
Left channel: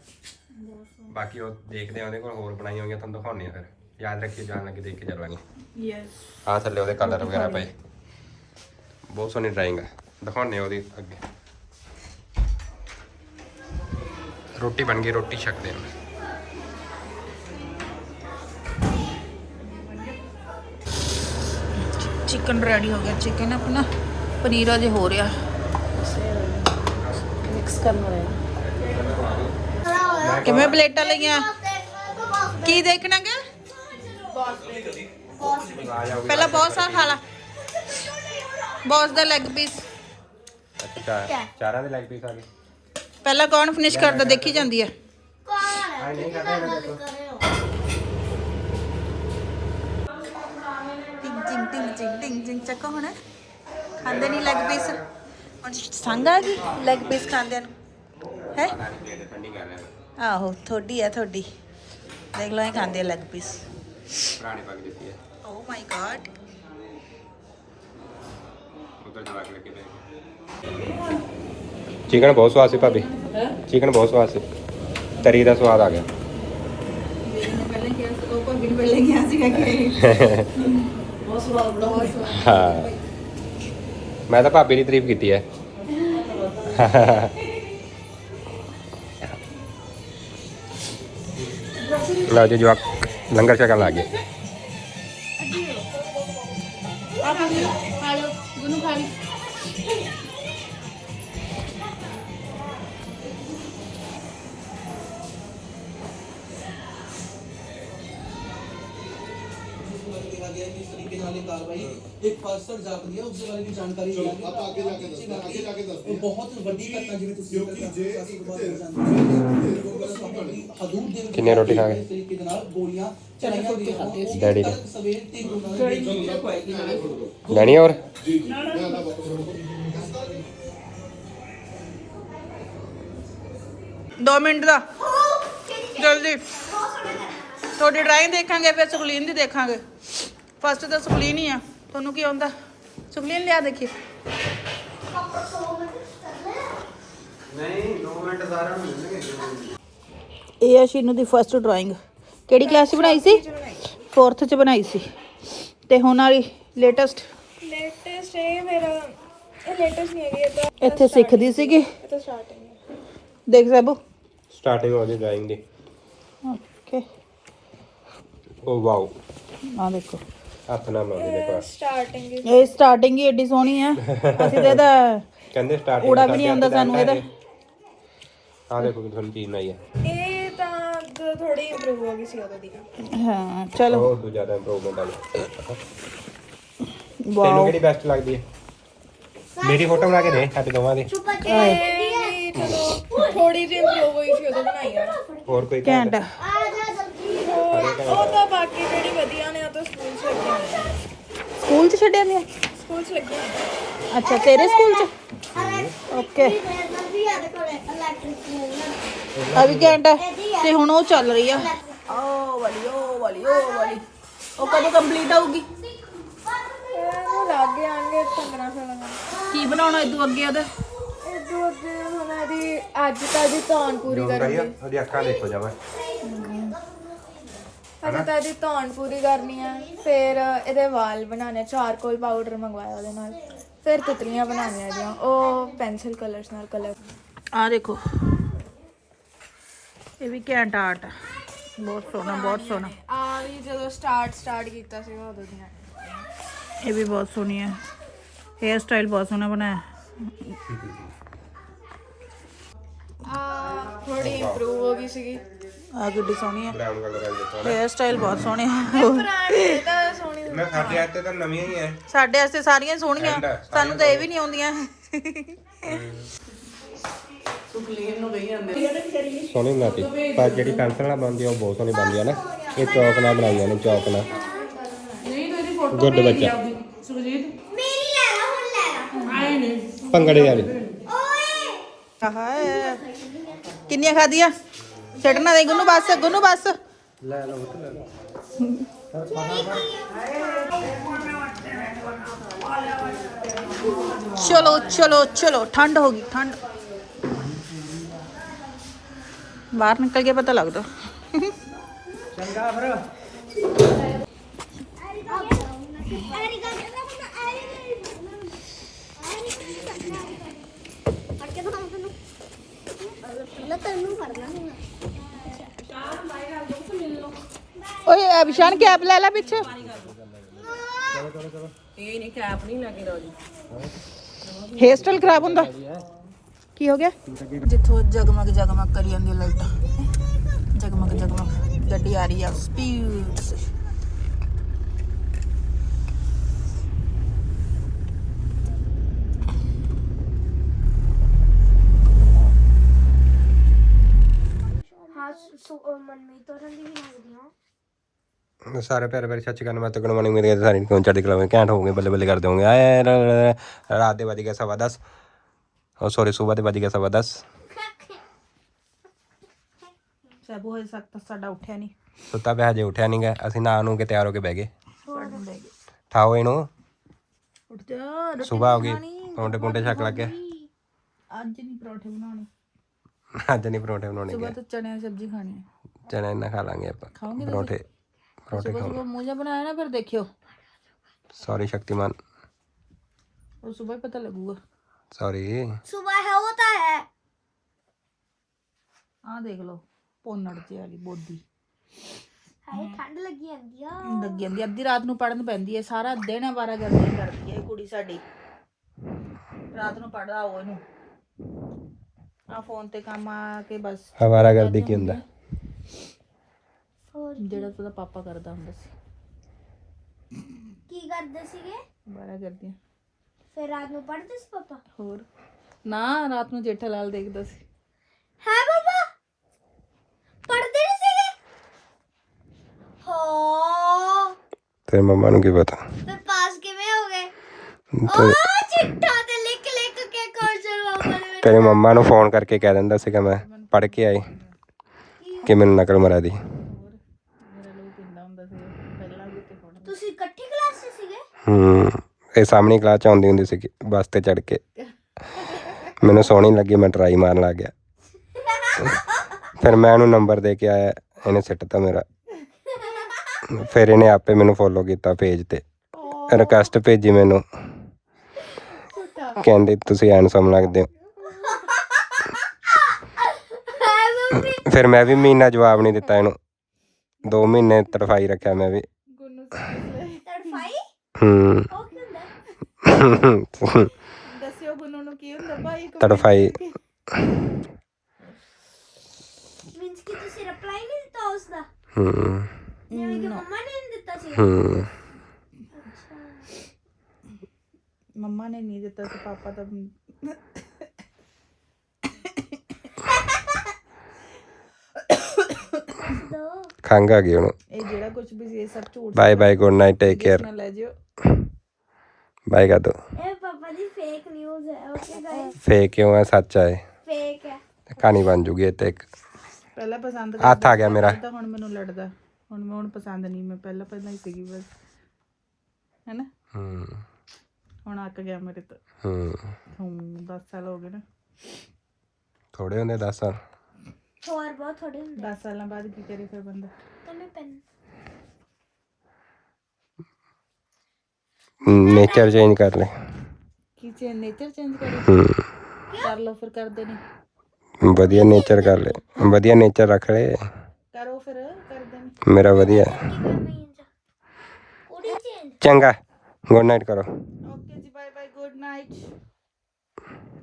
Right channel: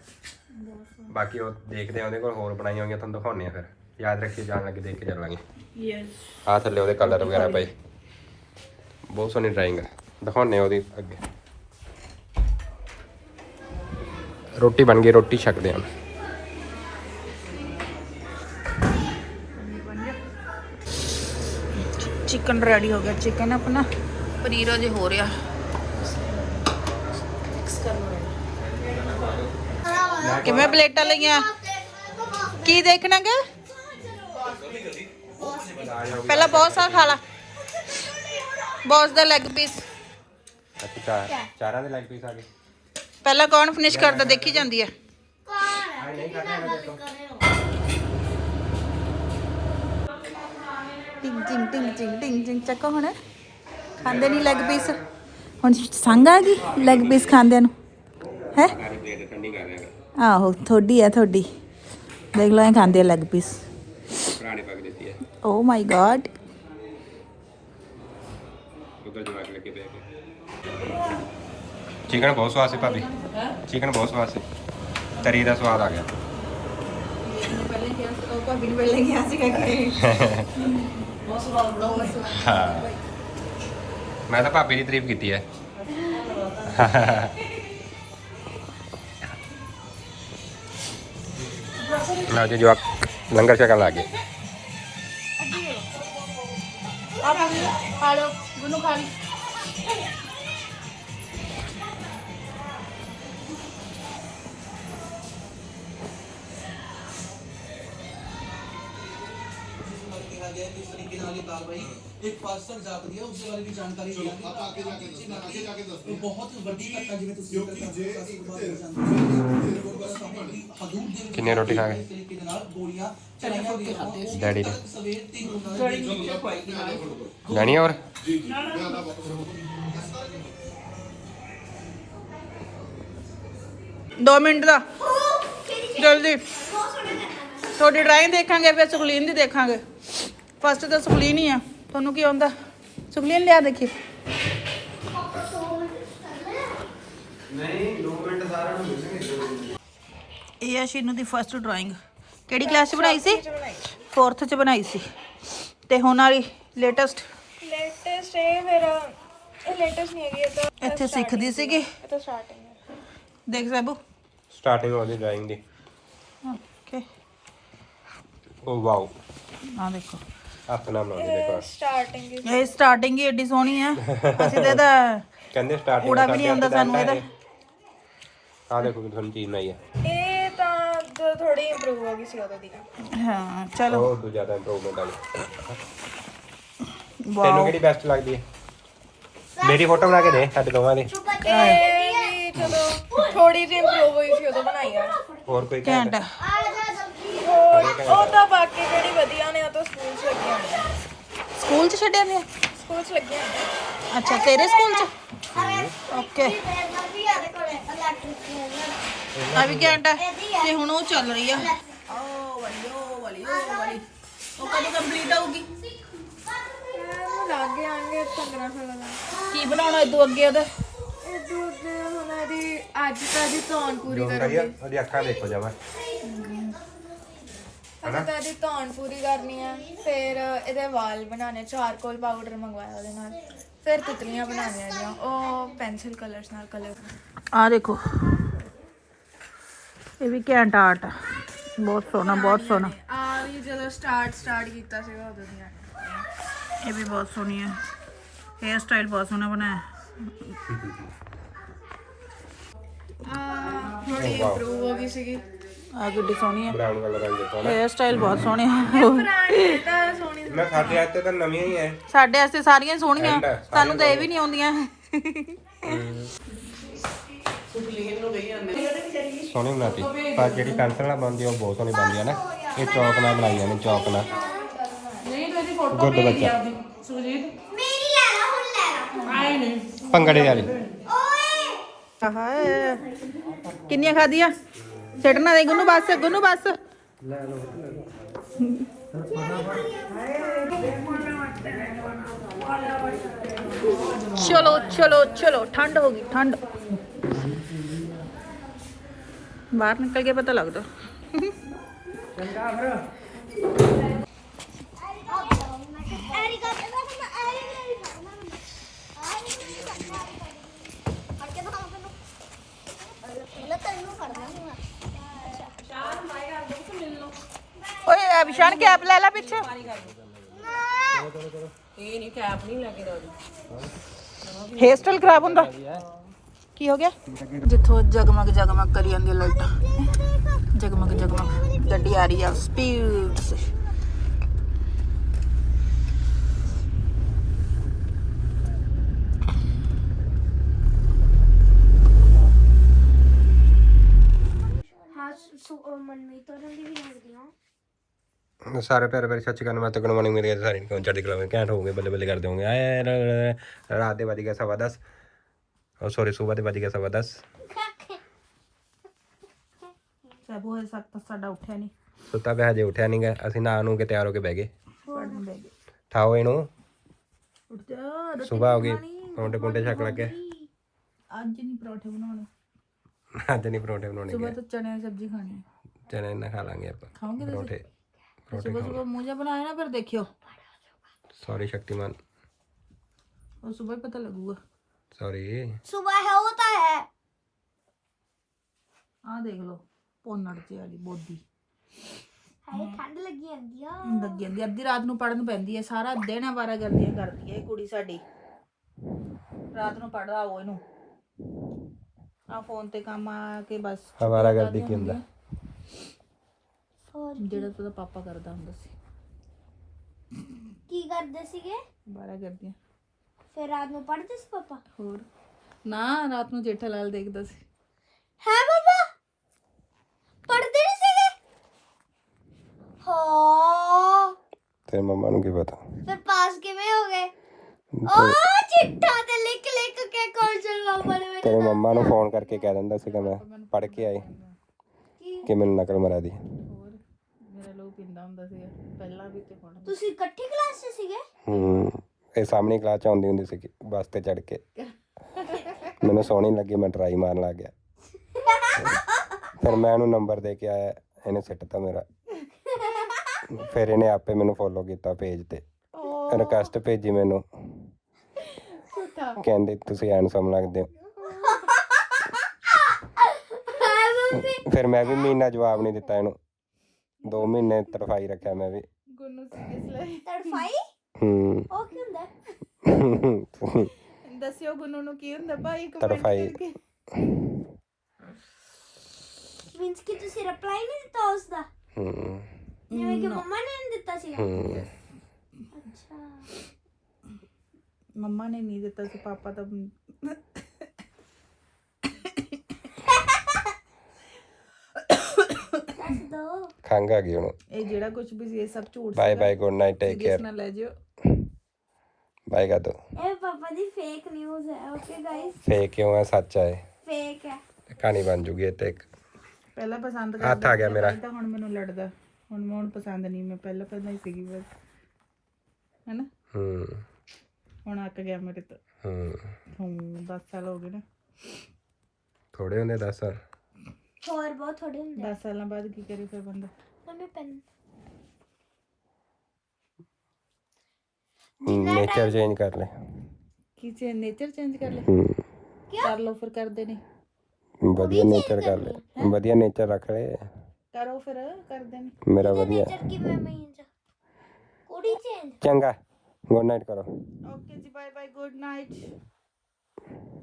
ਬਾਕੀ ਉਹ ਦੇਖਦੇ ਆ ਉਹਦੇ ਕੋਲ ਹੋਰ ਬਣਾਈਆਂ ਹੋਈਆਂ ਤੁਹਾਨੂੰ ਦਿਖਾਉਂਦੇ ਆ ਫਿਰ। ਯਾਦ ਰੱਖਿਓ ਜਾਣ ਲੱਗੇ ਦੇਖ ਕੇ ਚੱਲਾਂਗੇ। ਯੈਸ ਆਹ ਥੱਲੇ ਉਹਦੇ ਕਲਰ ਵਗੈਰਾ ਪਏ। ਬਹੁਤ ਸੋਹਣੀ ਡਰਾਇੰਗ ਹੈ ਦਿਖਾਉਂਦੇ ਆ ਉਹਦੀ ਅੱਗੇ। ਰੋਟੀ ਬਣ ਗਈ ਰੋਟੀ ਛਕਦੇ ਹਾਂ। ਚਿਕਨ ਰੈਡੀ ਹੋ ਗਿਆ ਚਿਕਨ ਆਪਣਾ। ਪਨੀਰ ਅਜੇ ਹੋ ਰਿਹਾ। ਮਿਕਸ ਕਰਨਾ ਹੈ ਕਿਵੇਂ ਪਲੇਟਾਂ ਲਈਆਂ? ਕੀ ਦੇਖਣਾ ਕਿ ਪਹਿਲਾਂ ਬਹੁਤ ਸਾਰਾ ਖਾ ਲਾ। ਬੌਸ ਦਾ ਲੈਗ ਪੀਸ ਅੱਛਾ ਚਾਰਾਂ ਦੇ ਲੈਗ ਪੀਸ ਆ ਗਏ। ਪਹਿਲਾਂ ਕੌਣ ਫਿਨਿਸ਼ ਕਰਦਾ, ਦੇਖੀ ਜਾਂਦੀ ਹੈ ਹਾਂ ਨਹੀਂ ਟਿੰਗ ਟਿੰਗ ਟਿੰਗ ਟਿੰਗ ਟਿੰਗ ਟਿੰਗ, ਚੱਕੋ ਹੁਣ। ਖਾਂਦੇ ਨਹੀਂ ਲੈਗ ਪੀਸ ਹੁਣ ਸੰਗ ਆ ਗਈ ਲੈਗ ਪੀਸ ਖਾਂਦਿਆਂ ਨੂੰ? ਹੈ? ਆਹੋ ਥੋੜੀ ਆ ਥੋੜੀ ਦੇਖ ਲਓ, ਇਹ ਖਾਂਦੇ ਲੈਗ ਪੀਸ ਪੁਰਾਣੀ ਪੱਕ ਦਿੱਤੀ ਹੈ ਓ ਮਾਈ ਗॉड ਉਧਰ ਜਵਾਕ ਲੱਗੇ ਪਏ ਚਿਕਨ ਬਹੁਤ ਸਵਾਦ ਸੀ ਭਾਬੀ। ਚਿਕਨ ਬਹੁਤ ਸਵਾਦ ਸੀ। ਤਰੀ ਦਾ ਸਵਾਦ ਆ ਗਿਆ। ਪਹਿਲੇ ਕਿਹਾ ਸੀ ਉਹ ਭਾਬੀ ਨੇ ਪਹਿਲੇ ਕਿਹਾ ਸੀ ਕਿ ਹਾਂ। ਮੈਂ ਤਾਂ ਭਾਬੀ ਦੀ ਤਾਰੀਫ ਕੀਤੀ ਹੈ ਲਓ ਜੀ ਜਵਾਕ ਲੰਗਰ ਛਕਣ ਲੱਗ ਗਏ। ਆ ਖਾ ਲਓ। ਗੁੰਨੂ ਖਾ ਲਈ ਕਾਰਵਾਈ ਇੱਕ ਪਰਸਨ ਜਾਪਦੀ ਹੈ ਉਸ ਬਾਰੇ ਵੀ ਜਾਣਕਾਰੀ ਲਈ ਆਪਾਂ ਅੱਗੇ ਜਾ ਕੇ ਦੱਸਦੇ ਅੱਗੇ ਜਾ ਕੇ ਦੱਸਦੇ ਬਹੁਤ ਵੱਡੀ ਘਟਨਾ ਜਿਵੇਂ ਤੁਸੀਂ ਕਿਉਂਕਿ ਜੇ ਦੇ ਵਿੱਚ ਕਿੰਨੇ ਰੋਟੀ ਖਾ ਗਏ? ਇਸ ਤਰੀਕੇ ਦੇ ਨਾਲ ਗੋਲੀਆਂ ਚਲਾਈਆਂ ਗਈਆਂ। ਡੈਡੀ ਨੇ ਸਵੇਰ ਤੇ ਗੁਰੂ ਲੈਣੀ ਹੋਰ? ਦੋ ਮਿੰਟ ਦਾ। ਜਲਦੀ। ਤੁਹਾਡੀ ਡਰਾਇੰਗ ਦੇਖਾਂਗੇ ਫਿਰ ਸੁਖਲੀਨ ਦੀ ਦੇਖਾਂਗੇ। ਫਸਟ ਤਾਂ ਸੁਖਲੀਨ ਹੀ ਆ। ਤੁਹਾਨੂੰ ਕੀ ਆਉਂਦਾ? ਸੁਖਲੀਨ ਲਿਆ ਦੇਖੀ। ਇਹ ਆ ਸ਼ੀਨੂ ਦੀ ਫਸਟ ਡਰਾਇੰਗ ਕਿਹੜੀ ਕਲਾਸ 'ਚ ਬਣਾਈ ਸੀ? 4th 'ਚ ਬਣਾਈ ਸੀ। ਤੇ ਹੁਣ ਵਾਲੀ ਲੇਟੈਸਟ ਲੇਟੈਸਟ ਇਹ ਮੇਰਾ ਇਹ ਲੇਟੈਸਟ ਨਹੀਂ ਹੈਗੀ ਇਹ ਤਾਂ ਇੱਥੇ ਸਿੱਖਦੀ ਸੀਗੀ। ਇਹ ਤਾਂ ਸਟਾਰਟਿੰਗ ਹੈ ਦੇਖ ਸੈਬੂ। ਸਟਾਰਟਿੰਗ ਹੋ ਗਈ ਡਰਾਇੰਗ ਦੀ। ਓਕੇ ਓ ਵਾਓ ਆ ਦੇਖੋ। ਹੱਥ ਨਾਲ ਮਾਰ ਦੇ ਪਾਸ ਸਟਾਰਟਿੰਗ ਇਹ ਸਟਾਰਟਿੰਗ ਹੀ ਏਡੀ ਸੋਹਣੀ ਹੈ। ਅਸੀਂ ਤਾਂ ਇਹਦਾ ਕਹਿੰਦੇ ਸਟਾਰਟਿੰਗ ਊੜਾ ਵੀ ਨਹੀਂ ਆਉਂਦਾ ਸਾਨੂੰ ਇਹਦਾ। ਆ ਦੇਖੋ ਤੁਹਾਨੂੰ ਚੀਜ਼ ਨਹੀਂ ਹੈ ਇਹ ਤਾਂ ਥੋੜੀ ਇੰਪਰੂਵ ਹੋ ਗਈ ਸੀ ਉਹਦੇ ਦੀ। ਹਾਂ ਚਲੋ। ਉਹ ਦੂਜਾ ਤਾਂ ਇੰਪਰੂਵਮੈਂਟ ਆ ਗਿਆ ਤੈਨੂੰ ਵਾਓ ਕਿਹੜੀ ਬੈਸਟ ਲੱਗਦੀ ਹੈ? ਮੇਰੀ ਫੋਟੋ ਬਣਾ ਕੇ ਦੇ ਸਾਡੇ ਦੋਵਾਂ ਦੀ। ਚਲੋ ਥੋੜੀ ਜਿਹੀ ਇੰਪਰੂਵ ਹੋਈ ਸੀ ਉਦੋਂ ਬਣਾਈ ਆ। ਹੋਰ ਕੋਈ ਘੈਂਟ? ਹੋਰ ਉਹ ਤਾਂ ਬਾਕੀ ਜਿਹੜੀ ਵਧੀਆ ਨੇ ਉਹ ਤਾਂ ਸਕੂਲ ਚ ਲੱਗੀਆਂ ਹੋਈਆਂ ਸਕੂਲ ਚ ਛੱਡਿਆ ਨੇ ਸਕੂਲ ਚ ਲੱਗੀਆਂ ਹੋਈਆਂ ਅੱਛਾ ਤੇਰੇ ਸਕੂਲ ਚ? ਓਕੇ। ਆ ਵੀ ਘੈਂਟ ਹੈ ਤੇ ਹੁਣ ਉਹ ਚੱਲ ਰਹੀ ਆ। ਓ ਵਾਲੀ ਓ ਵਾਲੀ ਓ ਵਾਲੀ। ਉਹ ਕਦੋਂ ਕੰਪਲੀਟ ਹੋਊਗੀ ਇਹਨੂੰ ਲੱਗ ਜਾਣਗੇ 15 16 ਦਿਨ। ਕੀ ਬਣਾਉਣਾ ਇਦੋਂ ਅੱਗੇ ਉਹਦਾ? ਇਹ ਦੋ ਦਿਨ ਹੁਣ ਇਹਦੀ ਅੱਜ ਤਾਂ ਦੀ ਧੌਣ ਪੂਰੀ ਕਰਨੀ ਉਹਦੀ ਅੱਖਾਂ ਦੇਖੋ ਜਾਵਾ ਹਜੇ ਤਾਂ ਇਹਦੀ ਧੌਣ ਪੂਰੀ ਕਰਨੀ ਹੈ ਫਿਰ ਇਹਦੇ ਵਾਲ ਬਣਾਉਣੇ ਚਾਰਕੋਲ ਪਾਊਡਰ ਮੰਗਵਾਇਆ ਉਹਦੇ ਨਾਲ। ਫਿਰ ਤਿਤਲੀਆਂ ਬਣਾਉਣੀਆਂ ਇਹਦੀਆਂ ਉਹ ਪੈਨਸਲ ਕਲਰਸ ਨਾਲ ਕਲਰ ਆ ਦੇਖੋ। ਇਹ ਵੀ ਘੈਂਟ ਆਰਟ ਆ। ਬਹੁਤ ਸੋਹਣਾ ਬਹੁਤ ਸੋਹਣਾ। ਆ ਵੀ ਜਦੋਂ ਸਟਾਰਟ ਸਟਾਰਟ ਕੀਤਾ ਸੀ ਉਦੋਂ ਦੀਆਂ ਨੇ। ਇਹ ਵੀ ਬਹੁਤ ਸੋਹਣੀ ਹੈ ਹੇਅਰ ਸਟਾਈਲ ਬਹੁਤ ਸੋਹਣਾ ਬਣਾਇਆ। ਆ ਥੋੜੀ ਇੰਪਰੂਵ ਹੋ ਗਈ ਸੀਗੀ। ਆ ਕਿੱਡੀ ਸੋਹਣੀ ਹੈ ਬਰਾਊਨ ਕਲਰ ਦਾ ਦੇਖੋ ਹੇਅਰ ਸਟਾਈਲ ਬਹੁਤ ਸੋਹਣੇ ਆ। ਇਹ ਤਾਂ ਸੋਹਣੀ ਮੈਂ ਸਾਡੇ ਇੱਥੇ ਤਾਂ ਨਵੀਂ ਹੀ ਹੈ। ਸਾਡੇ ਵਾਸਤੇ ਸਾਰੀਆਂ ਹੀ ਸੋਹਣੀਆਂ। ਸਾਨੂੰ ਤਾਂ ਇਹ ਵੀ ਨਹੀਂ ਆਉਂਦੀਆਂ। ਸੋਹਣੀ ਬਣਾਤੀ। ਪਰ ਜਿਹੜੀ ਪੈਨਸਲ ਨਾਲ ਬਣਦੀ ਆ ਉਹ ਬਹੁਤ ਸੋਹਣੀ ਬਣਦੀ ਆ ਨਾ। ਇਹ ਚੌਕ ਨਾਲ ਬਣਾਈਆਂ ਨੇ ਚੌਕ ਨਾਲ। ਨਹੀਂ ਤੂੰ ਇਹਦੀ ਫੋਟੋ ਗੁੱਡ ਬੱਚਾ। ਸੁਖਜੀਤ। ਮੇਰੀ ਲੈ ਲਾ ਹੁਣ ਲੈ ਲਾ। ਆਏ ਨਹੀਂ। ਭੰਗੜੇ ਵਾਲੀ। ਓਏ। ਹਾਏ ਕਿੰਨੀਆਂ ਖਾਧੀਆਂ ਛੱਡਣਾ ਦੇ, ਗੁੰਨੂ ਬਸ ਗੁੰਨੂ ਬਸ। ਚਲੋ ਚਲੋ ਚਲੋ, ਠੰਡ ਹੋ ਗਈ, ਠੰਡ। ਬਾਹਰ ਨਿਕਲ ਕੇ ਪਤਾ ਲੱਗਦਾ। ਐਰੀ ਗੱਲ ਨਾ ਐਰੀ ਅੱਗੇ ਨਾ ਮੈਨੂੰ ਮੈਂ ਤੈਨੂੰ ਕਰਨਾ ਓਏ ਅਭਿਸ਼ਾਨ ਕੈਪ ਲੈ ਲੈ ਪਿੱਛੇ ਹੇਅਰ ਸਟਾਈਲ ਖਰਾਬ ਹੁੰਦਾ ਕੀ ਹੋ ਗਿਆ ਜਿੱਥੋਂ ਜਗਮਗ ਜਗਮਗ ਕਰੀ ਜਾਂਦੀ ਲਾਈਟਾਂ ਜਗਮਗ ਜਗਮਗ ਗੱਡੀ ਆ ਰਹੀ ਆ ਸਪੀਡ ਸੇ ਹਾਂ ਸੁ ਮਨਮੀਤ ਤੋਂ ਰੰਗੀ ਵੀ ਲੱਗਦੀਆਂ ਸਾਰੇ ਪਿਆਰੇ ਪਿਆਰੇ ਸੱਚ ਕਰਨ ਮੈਂ ਤਕਣ ਮਣੀ ਮੇਰੇ ਸਾਰੀ ਕਿਉਂ ਚੜ੍ਹਦੀ ਕਲਾ ਵਿੱਚ ਘੈਂਟ ਹੋ ਗਏ ਬੱਲੇ ਬੱਲੇ ਕਰ ਦਿਓਗੇ ਆਏ ਰਾਤ ਦੇ ਵੱਜ ਗਏ ਸਵਾ 10 ਉਹ ਸੌਰੀ ਸਵੇਰ ਦੇ ਵੱਜ ਗਏ ਸਵਾ 10 ਸਭ ਹੋਏ ਸਾਡਾ ਉੱਠਿਆ ਨਹੀਂ। ਸੁੱਤਾ ਪਿਆ ਹਜੇ ਉੱਠਿਆ ਨਹੀਂਗਾ ਅਸੀਂ ਨਹਾ ਨੂੰ ਕੇ ਤਿਆਰ ਹੋ ਕੇ ਬਹਿ ਗਏ। ਥਾਓ ਇਹਨੂੰ। ਉੱਠ ਜਾ ਸਵੇਰ ਹੋ ਗਈ। ਪੌਂਡੇ ਪੌਂਡੇ ਛੱਕ ਲੱਗੇ ਅੱਜ ਨਹੀਂ ਪਰੌਠੇ ਬਣਾਉਣੇ। ਅੱਜ ਨਹੀਂ ਪਰੌਂਠੇ ਬਣਾਉਣੇ ਸਵੇਰ ਤੋਂ ਚਨੇ ਦੀ ਸਬਜ਼ੀ ਖਾਣੀ ਹੈ। ਚਨੇ ਨਾ ਖਾ ਲਾਂਗੇ ਆਪਾਂ ਪਰੌਂਠੇ। ਜਿਹਾ ਬਣਾਇਆ ਨਾ ਫਿਰ ਦੇਖਿਓ। ਸੌਰੀ ਸ਼ਕਤੀਮਾਨ। ਉਹ ਸਵੇਰ ਪਤਾ ਲੱਗੂਗਾ। ਸੌਰੀ। ਸੁਬਹ ਹੈ ਉਹ ਤਾਂ ਹੈ। ਆਹ ਦੇਖ ਲਓ ਪੋਨੜ ਤੇ ਵਾਲੀ ਬੋਦੀ। ਹਾਏ ਠੰਡ ਲੱਗੀ ਜਾਂਦੀ ਆ। ਲੱਗੀ ਜਾਂਦੀ ਅੱਧੀ ਰਾਤ ਨੂੰ ਪੜਨ ਪੈਂਦੀ ਹੈ ਸਾਰਾ ਦਿਨ ਬਾਰਾ ਗਰਮੀਆਂ ਕਰਦੀ ਹੈ ਇਹ ਕੁੜੀ ਸਾਡੀ। ਰਾਤ ਨੂੰ ਪੜਦਾ ਉਹ ਇਹਨੂੰ। ਆ ਫੋਨ ਤੇ ਕੰਮ ਆ ਕੇ ਬਸ। ਹਵਾਰਾ ਕਰਦੀ ਕੀ ਹੁੰਦਾ? ਜਿਹੜਾ ਉਹਦਾ ਪਾਪਾ ਕਰਦਾ ਹੁੰਦਾ ਸੀ। ਕੀ ਕਰਦੇ ਸੀਗੇ? ਬਾਰਾ ਕਰਦੀਆਂ। ਫਿਰ ਰਾਤ ਨੂੰ ਪੜ੍ਹਦੇ ਸੀ ਪਾਪਾ? ਹੋਰ? ਨਾ ਰਾਤ ਨੂੰ ਜੇਠਾ ਲਾਲ ਦੇਖਦਾ ਸੀ। ਹੈ ਪਾਪਾ? ਪੜ੍ਹਦੇ ਨਹੀਂ ਸੀਗੇ? ਹੋ। ਤੇਰੀ ਮੰਮਾ ਨੂੰ ਕੀ ਪਤਾ? ਫਿਰ ਪਾਸ ਕਿਵੇਂ ਹੋ ਗਏ? ਉਹ ਚਿੱਠਾ ਤੇ ਲਿਖ ਲਿਖ ਕੇ ਕੁਐਸਚਨ ਪਾਪਾ ਨੇ ਤੇਰੀ ਮੰਮਾ ਨੂੰ ਫੋਨ ਕਰਕੇ ਕਹਿ ਦਿੰਦਾ ਸੀਗਾ ਮੈਂ ਪੜ ਕੇ ਆਈ ਕਿ ਮੈਨੂੰ ਨਕਲ ਮਰਾ ਦੀ ਹੋਰ ਮੇਰਾ ਲੋ ਪਿੰਦਾ ਹੁੰਦਾ ਸੀ ਪਹਿਲਾਂ ਵੀ ਤੇ ਹੁਣ ਵੀ। ਤੁਸੀਂ ਇਕੱਠੀ ਕਲਾਸ 'ਚ ਸੀਗੇ? ਹੂੰ ਇਹ ਸਾਹਮਣੀ ਕਲਾਸ ਚ ਆਉਂਦੀ ਹੁੰਦੀ ਸੀ ਬੱਸ ਤੇ ਚੜ ਕੇ। ਮੈਨੂੰ ਸੋਹਣੀ ਲੱਗੀ ਮੈਂ ਟਰਾਈ ਮਾਰਨ ਲੱਗ ਗਿਆ। ਫਿਰ ਮੈਂ ਉਹਨੂੰ ਨੰਬਰ ਦੇ ਕੇ ਆਇਆ ਇਹਨੇ ਸਿੱਟਤਾ ਮੇਰਾ। ਫਿਰ ਇਹਨੇ ਆਪੇ ਮੈਨੂੰ ਫੋਲੋ ਕੀਤਾ ਪੇਜ ਤੇ। ਰਿਕਵੈਸਟ ਭੇਜੀ ਮੈਨੂੰ। ਕਹਿੰਦੀ ਤੁਸੀਂ ਹੈਂਡਸਮ ਲੱਗਦੇ ਹੋ। ਫਿਰ ਮੈਂ ਵੀ ਮਹੀਨਾ ਜਵਾਬ ਨਹੀਂ ਦਿੱਤਾ ਇਹਨੂੰ। 2 ਮਹੀਨੇ ਤੜਫਾਈ ਰੱਖਿਆ ਮੈਂ ਵੀ। ਤੜਫਾਈ ਹੂੰ ਉਹ ਕੀ ਹੁੰਦਾ ਦੱਸਿਓ ਗੁੰਨੂ ਨੂੰ ਕੀ ਹੁੰਦਾ ਭਾਈ ਤੜਫਾਈ। ਮੀਨਸ ਕਿ ਤੁਸੀਂ ਰਿਪਲਾਈ ਨਹੀਂ ਦਿੱਤਾ ਉਸ ਦਾ ਹੂੰ ਜਿਵੇਂ ਕਿ ਮੰਮਾ ਨੇ ਨਹੀਂ ਦਿੱਤਾ ਸੀ ਹੂੰ ਅੱਛਾ ਮੰਮਾ ਨੇ ਨਹੀਂ ਦਿੱਤਾ ਸੀ ਪਾਪਾ ਤਾਂ ਦੱਸ ਦੋ ਖੰਗ ਆ ਗਈ ਉਹਨੂੰ। ਇਹ ਜਿਹੜਾ ਕੁਝ ਵੀ ਸੀ ਇਹ ਸਭ ਝੂਠ bye. Bye good night take care ਨਾ ਲੈ ਜਿਓ। ਬਾਏ ਕਰ ਦੋ ਇਹ ਪਾਪਾ ਦੀ ਫੇਕ ਨਿਊਜ਼ ਹੈ ਓਕੇ ਗਾਇਸ ਫੇਕ ਕਿਉਂ ਹੈ? ਸੱਚ ਹੈ ਫੇਕ ਹੈ। ਕਹਾਣੀ ਬਣ ਜੂਗੀ ਇਹ ਤੇ ਇੱਕ। ਪਹਿਲਾਂ ਪਸੰਦ ਹੱਥ ਆ ਗਿਆ ਮੇਰਾ। ਤਾਂ ਹੁਣ ਮੈਨੂੰ ਲੜਦਾ। ਹੁਣ ਮੈਂ ਹੁਣ ਪਸੰਦ ਨਹੀਂ ਮੈਂ ਪਹਿਲਾਂ ਪਹਿਲਾਂ ਹੀ ਸੀਗੀ ਬਸ। ਹੈਨਾ? ਹੂੰ। ਹੁਣ ਅੱਕ ਗਿਆ ਮੇਰੇ ਤੋਂ। ਹੂੰ। ਹੂੰ 10 ਸਾਲ ਹੋ ਗਏ ਨਾ। ਥੋੜੇ ਹੁੰਦੇ 10 ਸਾਲ। ਹੋਰ ਬਹੁਤ ਥੋੜੇ ਹੁੰਦੇ 10 ਸਾਲਾਂ ਬਾਅਦ ਕੀ ਕਰੇ ਫਿਰ ਬੰਦਾ? ਤੁਹਾਨੂੰ ਪੈਨ ਨੇਚਰ ਚੇਂਜ ਕਰ ਲੈ। ਕੀ ਚੇ ਨੇਚਰ ਚੇਂਜ ਕਰ ਲਓ ਹੂੰ। ਕਰ ਲਓ ਫਿਰ ਕਰਦੇ ਨਹੀਂ ਵਧੀਆ ਨੇਚਰ ਕਰ ਲੈ। ਵਧੀਆ ਨੇਚਰ ਰੱਖ ਲੈ। ਕਰੋ ਫਿਰ ਕਰਦੇ ਨਹੀਂ ਮੇਰਾ ਵਧੀਆ। ਕੁੜੀ ਚੇਂਜ ਚੰਗਾ। ਗੁੱਡ ਨਾਈਟ ਕਰੋ। ਓਕੇ ਜੀ ਬਾਏ ਬਾਏ ਗੁੱਡ ਨਾਈਟ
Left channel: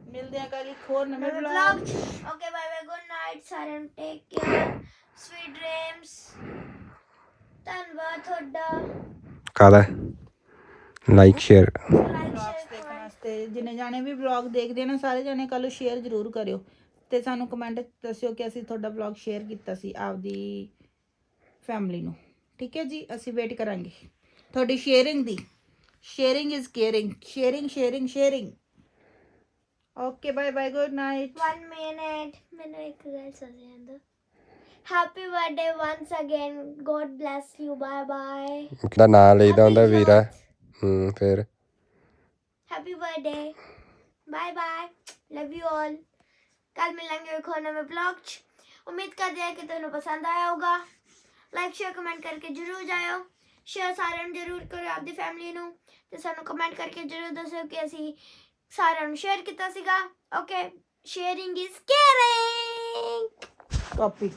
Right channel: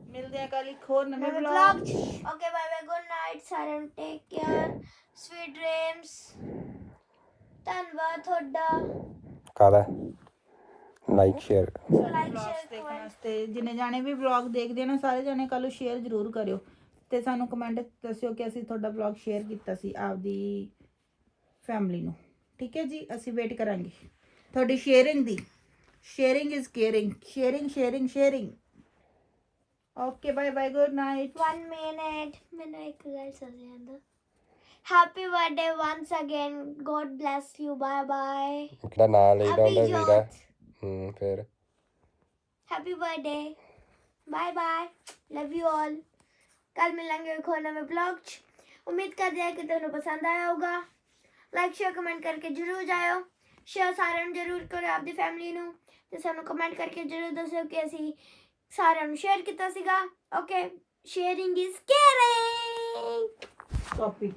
ਮਿਲਦੇ ਆ ਕੱਲ ਇੱਕ ਹੋਰ ਨਵੇਂ vlog okay bye bye good night ਸਾਰਿਆਂ ਨੂੰ ਟੇਕ ਕੇਅਰ ਸਵੀਟ ਡ੍ਰੀਮਸ ਧੰਨਵਾਦ ਤੁਹਾਡਾ। ਕਾਦਾ ਲਾਈਕ ਸ਼ੇਅਰ ਲਾਈਕ ਸ਼ੇਅਰ ਵਾਸਤੇ ਜਿੰਨੇ ਜਾਣੇ ਵੀ ਵਲੌਗ ਦੇਖਦੇ ਨੇ ਸਾਰੇ ਜਾਣੇ ਕੱਲ ਸ਼ੇਅਰ ਜ਼ਰੂਰ ਕਰਿਓ। ਤੇ ਸਾਨੂੰ ਕਮੈਂਟ ਦੱਸਿਓ ਕਿ ਅਸੀਂ ਤੁਹਾਡਾ ਵਲੌਗ ਸ਼ੇਅਰ ਕੀਤਾ ਸੀ ਆਪਦੀ ਫੈਮਿਲੀ ਨੂੰ। ਠੀਕ ਹੈ ਜੀ? ਅਸੀਂ ਵੇਟ ਕਰਾਂਗੇ। ਤੁਹਾਡੀ sharing the. Sharing is caring sharing sharing sharing okay bye bye good night 1 minute ਮੈਨੂੰ ਇੱਕ ਗੱਲ ਸਮਝ ਆਂਦਾ happy birthday once again god bless you bye bye ਦਾ ਨਾਂ ਲਈਦਾ ਹੁੰਦਾ ਵੀਰਾ ਹੂੰ ਫਿਰ happy birthday bye bye love you all ਕੱਲ ਮਿਲਾਂਗੇ ਇੱਕ ਹੋਰ ਨਵੇਂ ਵਲੌਗ 'ਚ ਉਮੀਦ ਕਰਦੇ ਹਾਂ ਕਿ ਤੁਹਾਨੂੰ ਪਸੰਦ ਆਇਆ ਹੋਊਗਾ ਲਾਈਕ ਸ਼ੇਅਰ ਕਮੈਂਟ ਕਰਕੇ ਜਰੂਰ ਜਾਇਓ ਸ਼ੇਅਰ ਸਾਰਿਆਂ ਨੂੰ ਜਰੂਰ ਕਰੋ ਆਪਦੀ ਫੈਮਿਲੀ ਨੂੰ ਤੇ ਸਾਨੂੰ ਕਮੈਂਟ ਕਰਕੇ ਜਰੂਰ ਦੱਸੋ ਕਿ ਅਸੀਂ ਸਾਰਿਆਂ ਨੂੰ ਸ਼ੇਅਰ ਕੀਤਾ ਸੀਗਾ। Okay sharing is caring copy